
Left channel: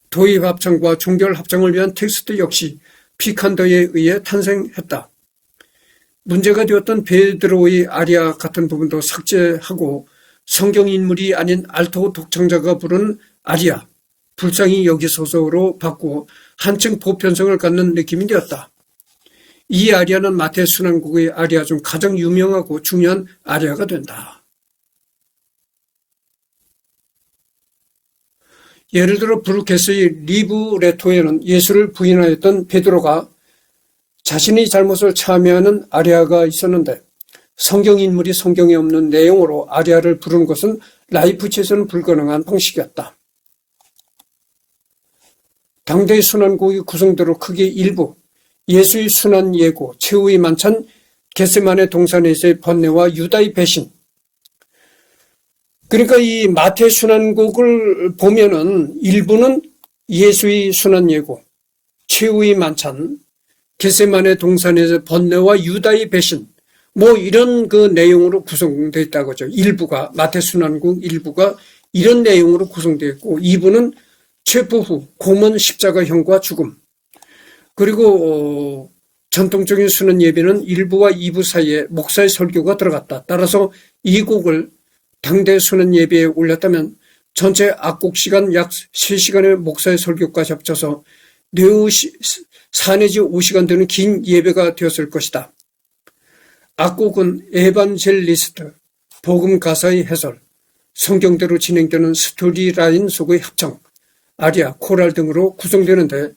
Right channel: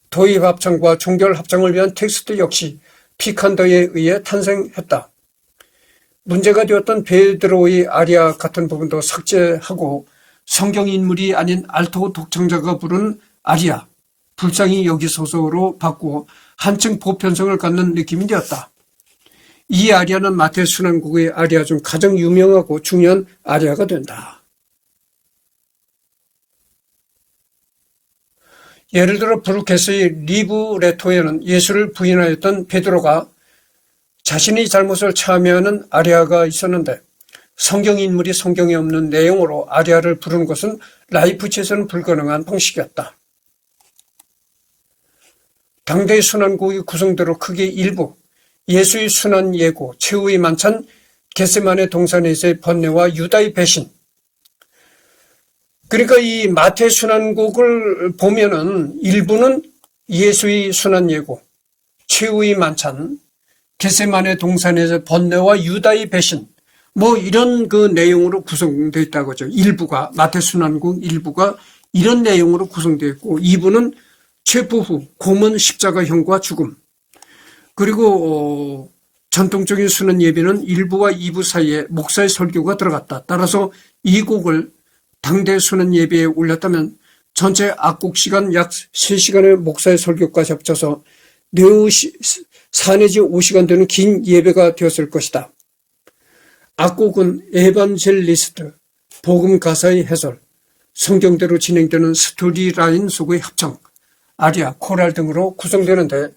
도입합창과 종결합창을 위한 텍스트 역시 피칸더에 의해 탄생했다. 문제가 되었던 베드로의 아리아 같은 부분도 삭제하고 성경 인물이 아닌 알토 독창자가 부른 아리아, 불쌍히 여기소서로 바꾸어 한층 보편성을 갖는 느낌이 되었다. 이 아리아는 마태 순환곡의 아리아 중 가장 유명하고 중요한 아리아가 된다. 예를 들어 브루케스의 리브레토에는 예수를 부인하였던 베드로가 자신의 잘못을 참여하는 아리아가 있었는데 성경 인물이 성경에 없는 내용으로 아리아를 부르는 것은 라이프치에서는 불가능한 방식이었다. 당대의 순환곡의 구성대로 크게 일부, 예수의 순환 예고, 최후의 만찬, 겟세마네 동산에서의 번뇌와 유다의 배신. 그러니까 이 마태 순환곡을 보면은 일부는 예수의 순환 예고, 최후의 만찬, 겟세마네 동산에서 번뇌와 유다의 배신, 뭐 이런 그 내용으로 구성되어 있다고 하죠. 일부가, 마태 순환곡 일부가 이런 내용으로 구성되어 있고, 2부는 체포 후 고문 십자가형과 죽음, 그리고 전통적인 순환 예배는 1부와 2부 사이에 목사의 설교가 들어갔다. 따라서 이 곡을 당대 순환 예배에 올렸다면 전체 악곡 시간 약 3시간의 목사의 설교까지 합쳐서 4 내지 5시간 되는 긴 예배가 되었을 것이다. 악곡은 에반젤리스트, 복음 가사의 해설, 성경대로 진행되는 스토리라인 속의 합창, 아리아, 코랄 등으로 구성되는데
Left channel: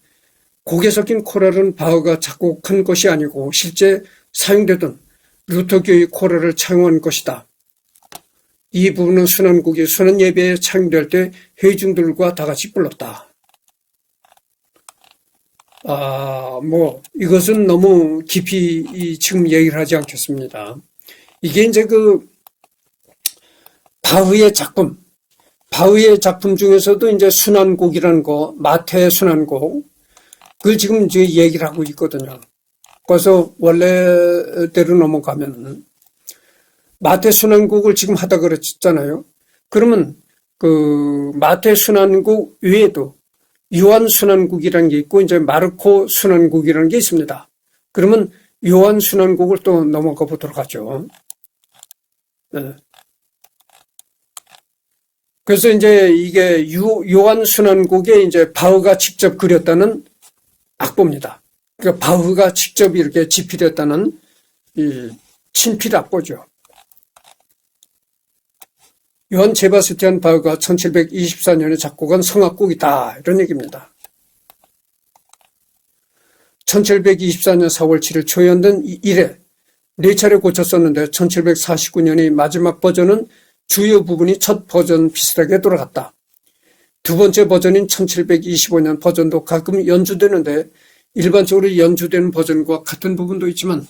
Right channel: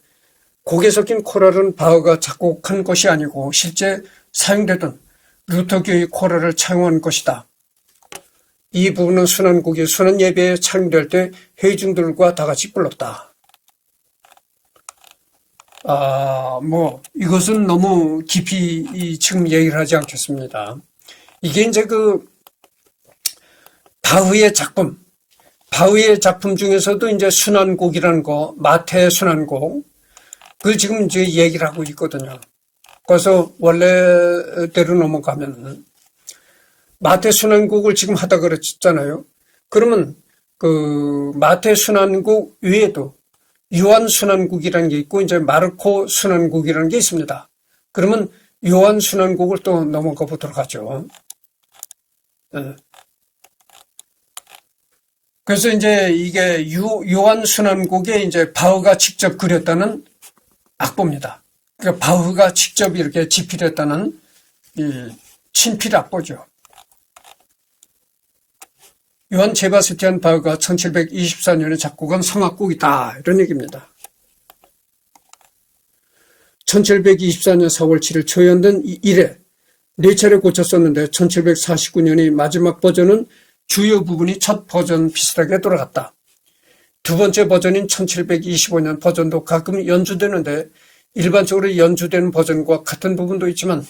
곡에 섞인 코랄은 바흐가 작곡한 것이 아니고 실제 사용되던 루터교의 코랄을 차용한 것이다. 이 부분은 순환곡이 순환 예배에 차용될 때 회중들과 다 같이 불렀다. 이것은 너무 깊이 지금 얘기를 하지 않겠습니다. 이게 이제 바흐의 작품 중에서도 이제 순환곡이라는 거, 마태 순환곡, 그걸 지금 이제 얘기를 하고 있거든요. 그래서 원래대로 넘어가면 마태 순환곡을 지금 하다 그랬잖아요. 그러면 그 마태 순환곡 외에도 요한 순환곡이라는 게 있고 이제 마르코 순환곡이라는 게 있습니다. 그러면 요한 순환곡을 또 넘어가 보도록 하죠. 그래서 이제 이게 요한 순환곡에 이제 바흐가 직접 그렸다는 악보입니다. 그러니까 바흐가 직접 이렇게 집필했다는 이 친필 악보죠. 요한 제바스티안 바흐가 1724년에 작곡한 성악곡이다. 이런 얘기입니다. 1724년 4월 7일 초연된 이래 4차례 고쳤었는데 1749년의 마지막 버전은 주요 부분이 첫 버전 비슷하게 돌아갔다. 두 번째 버전인 1725년 버전도 가끔 연주되는데 일반적으로 연주되는 버전과 같은 부분도 있지만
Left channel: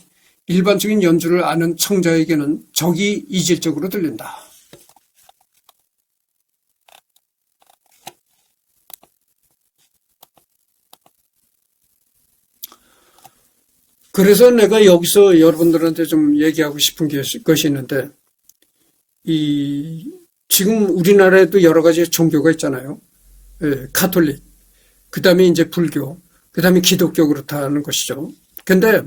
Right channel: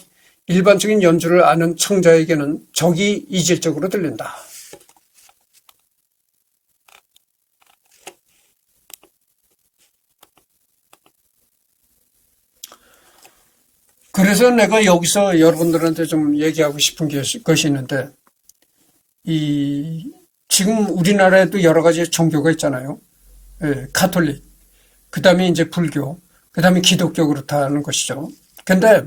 일반적인 연주를 아는 청자에게는 적이 이질적으로 들린다. 그래서 내가 여기서 여러분들한테 좀 얘기하고 싶은 것이 있는데 지금 우리나라에도 여러 가지 종교가 있잖아요. 가톨릭, 그 다음에 이제 불교, 그 다음에 기독교 그렇다는 것이죠. 근데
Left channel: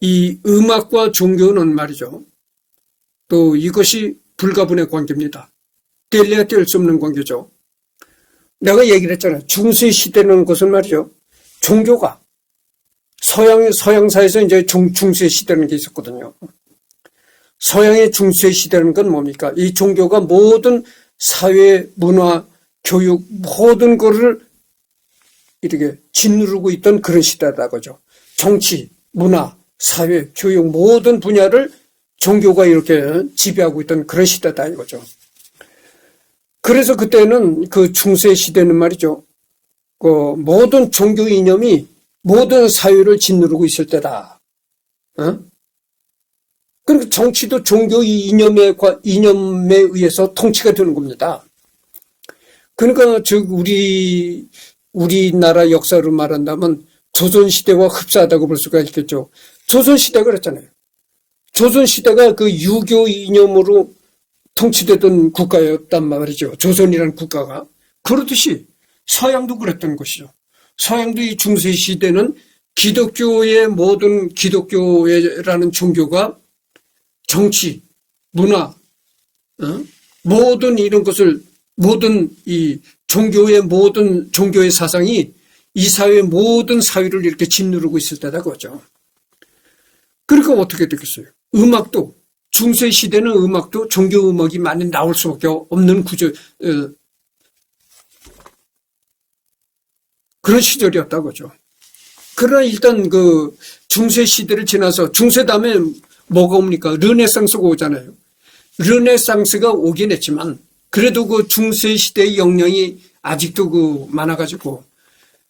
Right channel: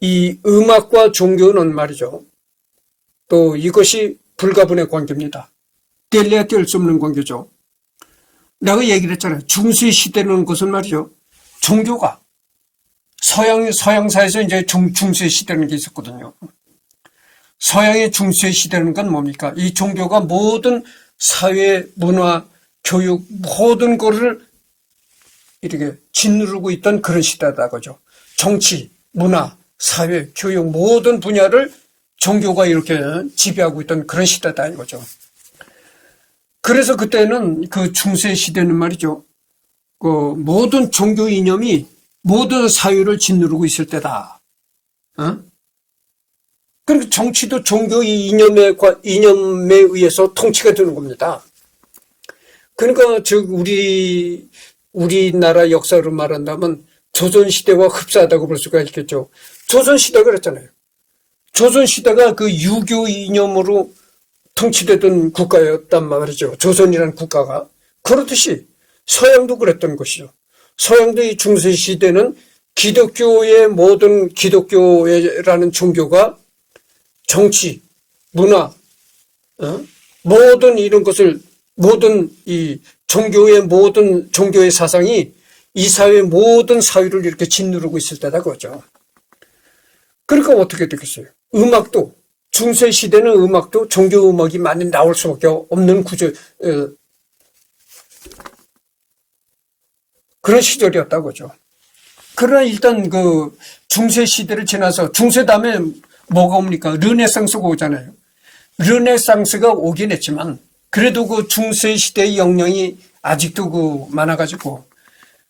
이 음악과 종교는 말이죠. 또 이것이 불가분의 관계입니다. 뗄래야 뗄 수 없는 관계죠. 내가 얘기를 했잖아요. 중세 시대라는 것은 말이죠. 종교가 서양사에서 이제 중세 시대라는 게 있었거든요. 서양의 중세 시대라는 건 뭡니까? 이 종교가 모든 사회, 문화, 교육 모든 것을 이렇게 짓누르고 있던 그런 시대다 그죠. 정치, 문화, 사회, 교육 모든 분야를 종교가 이렇게 지배하고 있던 그런 시대다 이거죠. 그래서 그때는 그 중세 시대는 말이죠. 그 모든 종교 이념이 모든 사회를 짓누르고 있을 때다. 그러니까 정치도 종교 이념에 의해서 통치가 되는 겁니다. 그러니까 즉 우리나라 역사를 말한다면 조선시대와 흡사하다고 볼 수가 있겠죠. 조선시대가 그랬잖아요. 조선시대가 그 유교 이념으로 통치되던 국가였단 말이죠. 조선이라는 국가가. 그렇듯이 서양도 그랬던 것이죠. 서양도 이 중세시대는 기독교의 모든 기독교라는 종교가 정치, 문화, 모든 이런 것을 모든 이 모든 종교의 사상이 이 사회의 모든 사회를 이렇게 짓누르고 있을 때다 그거죠. 그러니까 어떻게 되겠어요? 음악도 중세 시대는 음악도 종교 음악이 많이 나올 수밖에 없는 구조 그런 시절이었다고 하죠. 그러나 일단 그 중세 시대를 지나서 중세 다음에 뭐가 옵니까? 르네상스가 오잖아요. 르네상스가 오긴 했지만 그래도 그 중세 시대의 영향이 아직도 그 많아가지고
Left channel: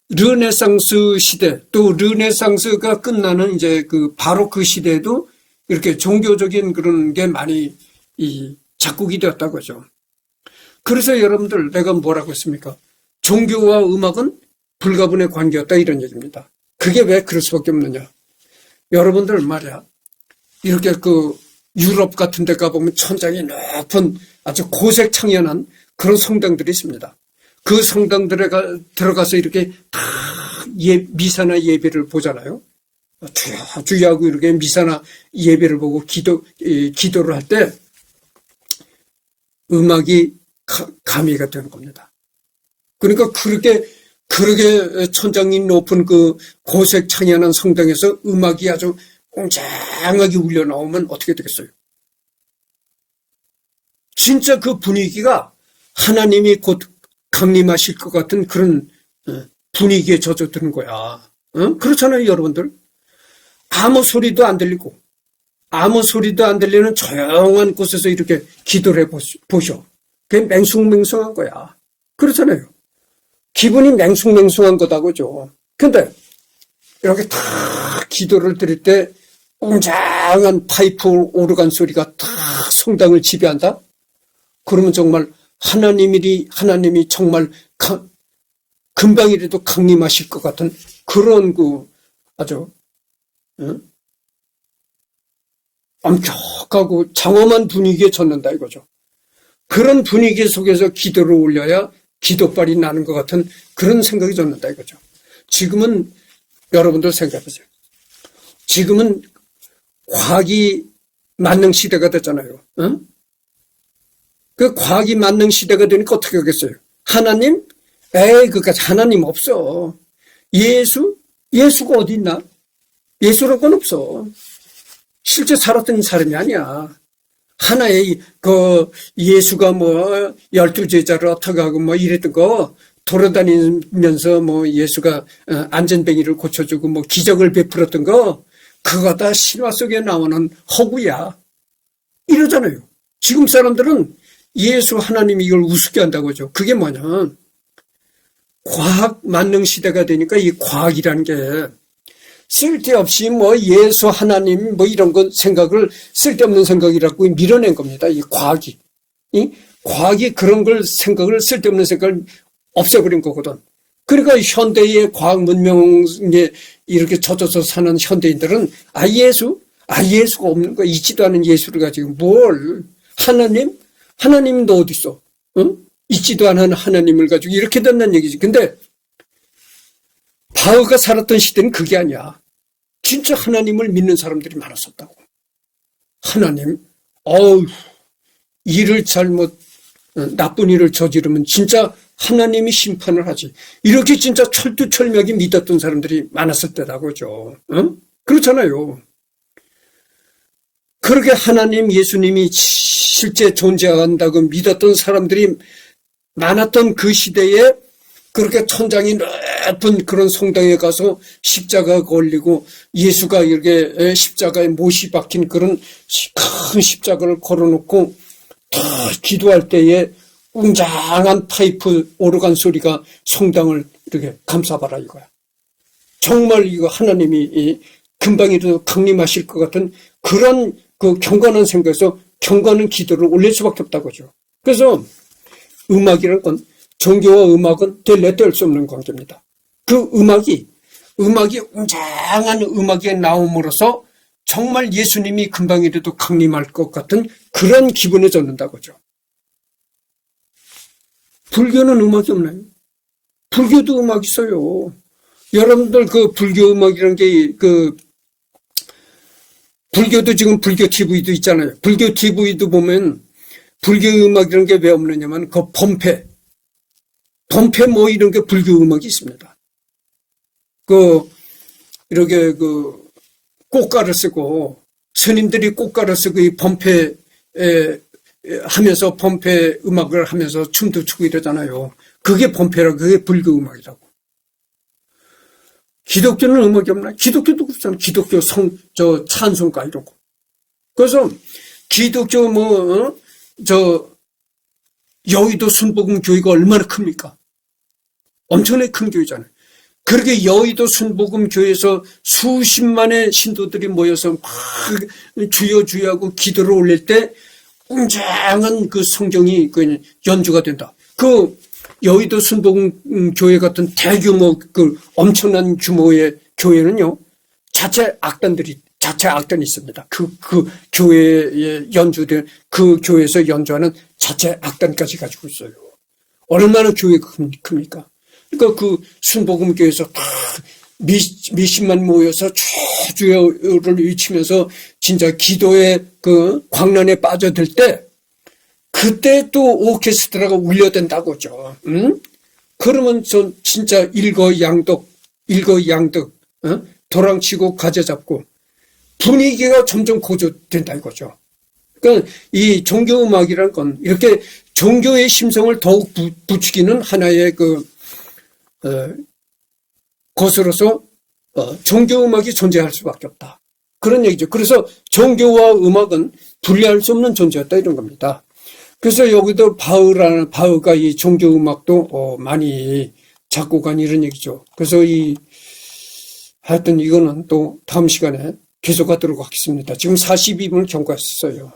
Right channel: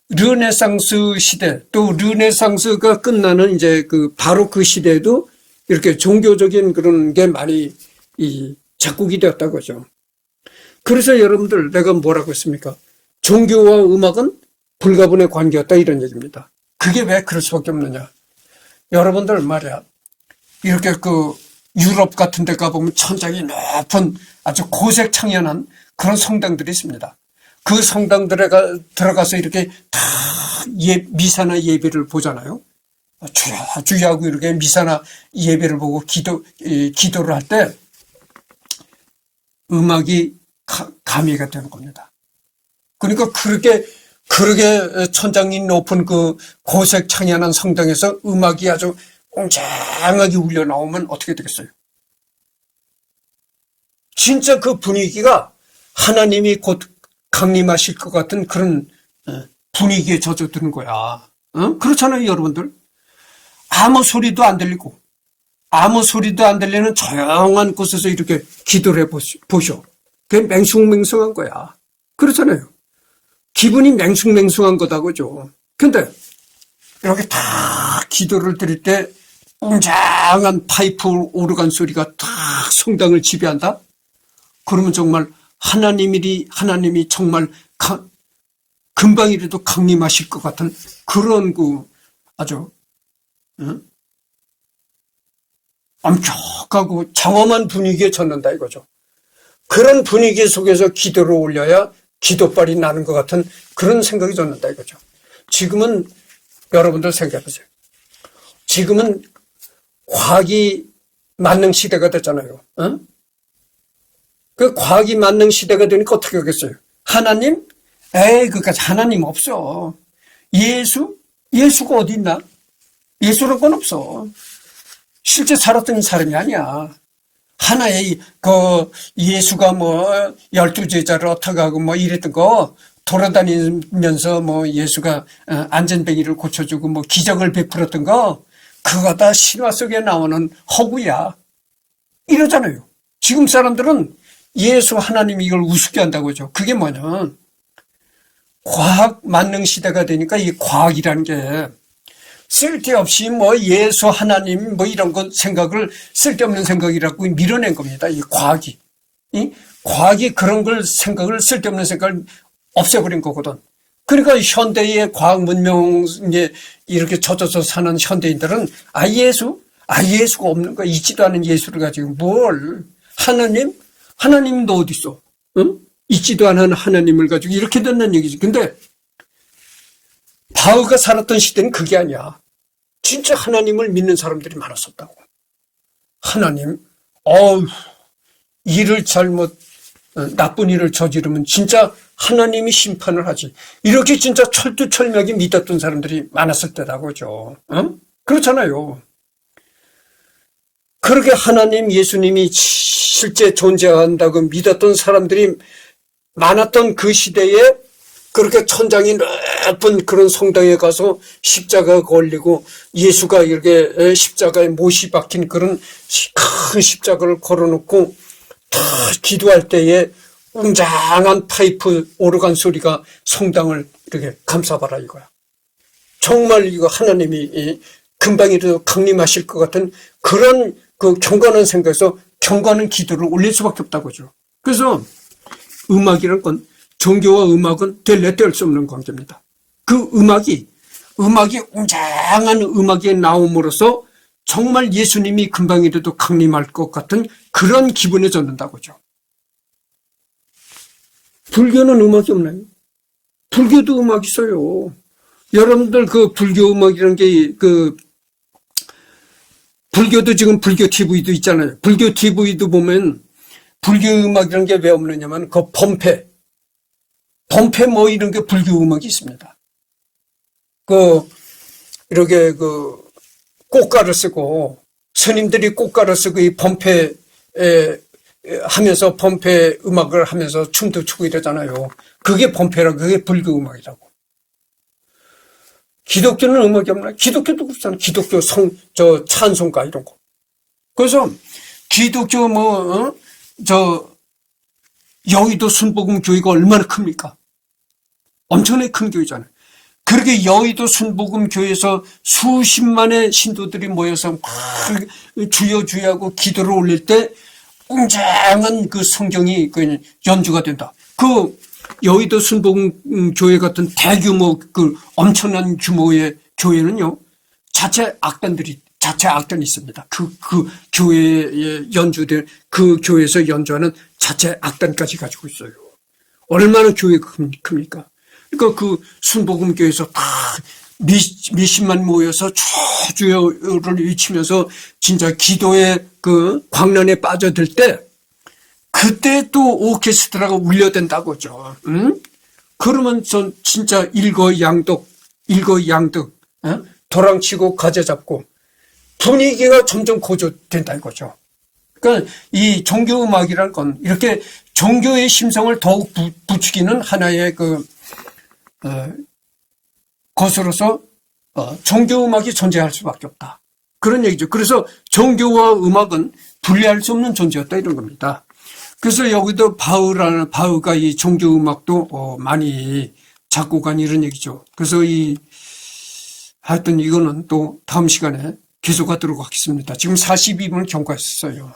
르네상스 시대 또 르네상스가 끝나는 이제 그 바로크 시대에도 이렇게 종교적인 그런 게 많이 작곡이 되었다고 하죠. 그래서 여러분들 내가 뭐라고 했습니까? 종교와 음악은 불가분의 관계였다 이런 얘기입니다. 그게 왜 그럴 수밖에 없느냐. 여러분들 말이야. 이렇게 그 유럽 같은 데 가보면 천장이 높은 아주 고색 창연한 그런 성당들이 있습니다. 그 성당들에 들어가서 이렇게 다 미사나 예배를 보잖아요. 주여 주여 하고 이렇게 미사나 예배를 보고 기도를 할 때 음악이 가미가 되는 겁니다. 그러니까 그렇게 천장이 높은 그 고색 창연한 성당에서 음악이 아주 웅장하게 울려 나오면 어떻게 되겠어요? 진짜 그 분위기가 하나님이 곧 강림하실 것 같은 그런 분위기에 젖어드는 거야. 그렇잖아요, 여러분들. 아무 소리도 안 들리고 아무 소리도 안 들리는 조용한 곳에서 이렇게 기도를 해보셔. 그게 맹숭맹숭한 거야. 그렇잖아요. 기분이 맹숭맹숭한 거다 그죠. 근데 이렇게 다 기도를 드릴 때 웅장한 파이프 오르간 소리가 다 성당을 지배한다? 그러면 정말 하나님이 정말 금방이라도 강림하실 것 같은 그런 그 아주 엄격하고 장엄한 분위기에 젖는다 이거죠. 그런 분위기 속에서 기도를 올려야 기도빨이 나는 것 같은 그런 생각이 젖는다 이거죠. 지금은 여러분들 생각해보세요. 지금은 과학이 만능 시대가 됐잖아요. 그 과학이 만능 시대가 되니까 어떻게 하겠어요? 하나님? 그까지 하나님 없어. 예수가 어디 있나? 예수란 건 없어. 실제 살았던 사람이 아니야. 하나의 예수가 뭐 12제자를 어떻게 하고 뭐 이랬던 거 돌아다니면서 뭐 예수가 안전뱅이를 고쳐주고 뭐 기적을 베풀었던 거 그거 다 신화 속에 나오는 허구야. 이러잖아요. 지금 사람들은 예수 하나님이 이걸 우습게 한다고 하죠. 그게 뭐냐면 과학 만능 시대가 되니까 이 과학이라는 게 쓸데없이 뭐 예수 하나님 뭐 이런 것 생각을 쓸데없는 생각이라고 밀어낸 겁니다. 이 과학이. 과학이 그런 걸 생각을 쓸데없는 생각을 없애버린 거거든. 그러니까 현대의 과학 문명에 이렇게 젖어서 사는 현대인들은 예수가 없는 거야. 있지도 않은 예수를 가지고 뭘 하나님도 어디 있어? 응? 있지도 않은 하나님을 가지고 이렇게 된다는 얘기지. 근데 바울가 살았던 시대는 그게 아니야. 진짜 하나님을 믿는 사람들이 많았었다고. 하나님, 나쁜 일을 저지르면 진짜 하나님이 심판을 하지. 이렇게 진짜 철두철미하게 믿었던 사람들이 많았을 때다고죠. 그렇잖아요. 그렇게 하나님, 예수님이 실제 존재한다고 믿었던 사람들이 많았던 그 시대에 그렇게 천장이 높은 그런 성당에 가서 십자가가 걸리고 예수가 이렇게 십자가에 못이 박힌 그런 큰 십자가를 걸어놓고 다 기도할 때에 웅장한 파이프 오르간 소리가 성당을 이렇게 감싸봐라 이거야. 정말 이거 하나님이 금방이라도 강림하실 것 같은 그런 그 경건한 생각에서 경건한 기도를 올릴 수밖에 없다고 하죠. 그래서 음악이라는 건 종교와 음악은 뗄래 뗄 수 없는 관계입니다. 그 음악이 웅장한 음악에 나옴으로써 정말 예수님이 금방이라도 강림할 것 같은 그런 기분에 젖는다고 하죠. 불교는 음악이 없나요? 불교도 음악 있어요. 여러분들 그 불교 음악이라는 게 불교도 지금 불교 TV도 있잖아요. 불교 TV도 보면 불교 음악이라는 게 왜 없느냐면 그 범패 뭐 이런 게 불교 음악이 있습니다. 이렇게 꽃가루 쓰고 스님들이 꽃가루 쓰고 이 범패에 하면서 범패 음악을 하면서 춤도 추고 이러잖아요. 그게 범패라고, 그게 불교 음악이라고. 기독교는 음악이 없나? 기독교도 그렇잖아. 기독교 찬송가 이런 거. 그래서 기독교 여의도 순복음 교회가 얼마나 큽니까? 엄청나게 큰 교회잖아요. 그렇게 여의도 순복음 교회에서 수십만의 신도들이 모여서 막 주여 하고 기도를 올릴 때 웅장한 그 성경이 연주가 된다. 여의도 순복음 교회 같은 대규모 엄청난 규모의 교회는요, 자체 악단이 있습니다. 그 교회에 연주된, 그 교회에서 연주하는 자체 악단까지 가지고 있어요. 얼마나 교회가 큽니까? 그러니까 그 순복음 교회에서 다 몇십만 모여서 주여를 외치면서 진짜 기도의 그 광란에 빠져들 때, 그때 또 오케스트라가 울려댄다고죠. 응? 그러면 전 진짜 일거양득, 도랑치고 가재잡고 분위기가 점점 고조된다 이거죠. 그러니까 이 종교음악이라는 건 이렇게 종교의 심성을 더욱 부추기는 하나의 것으로서 종교음악이 존재할 수밖에 없다. 그런 얘기죠. 그래서 종교와 음악은 분리할 수 없는 존재였다 이런 겁니다. 그래서 여기도 바흐가 이 종교음악도 많이 작곡한 이런 얘기죠. 그래서 하여튼 이거는 또 다음 시간에 계속하도록 하겠습니다. 지금 42분을 경과했어요.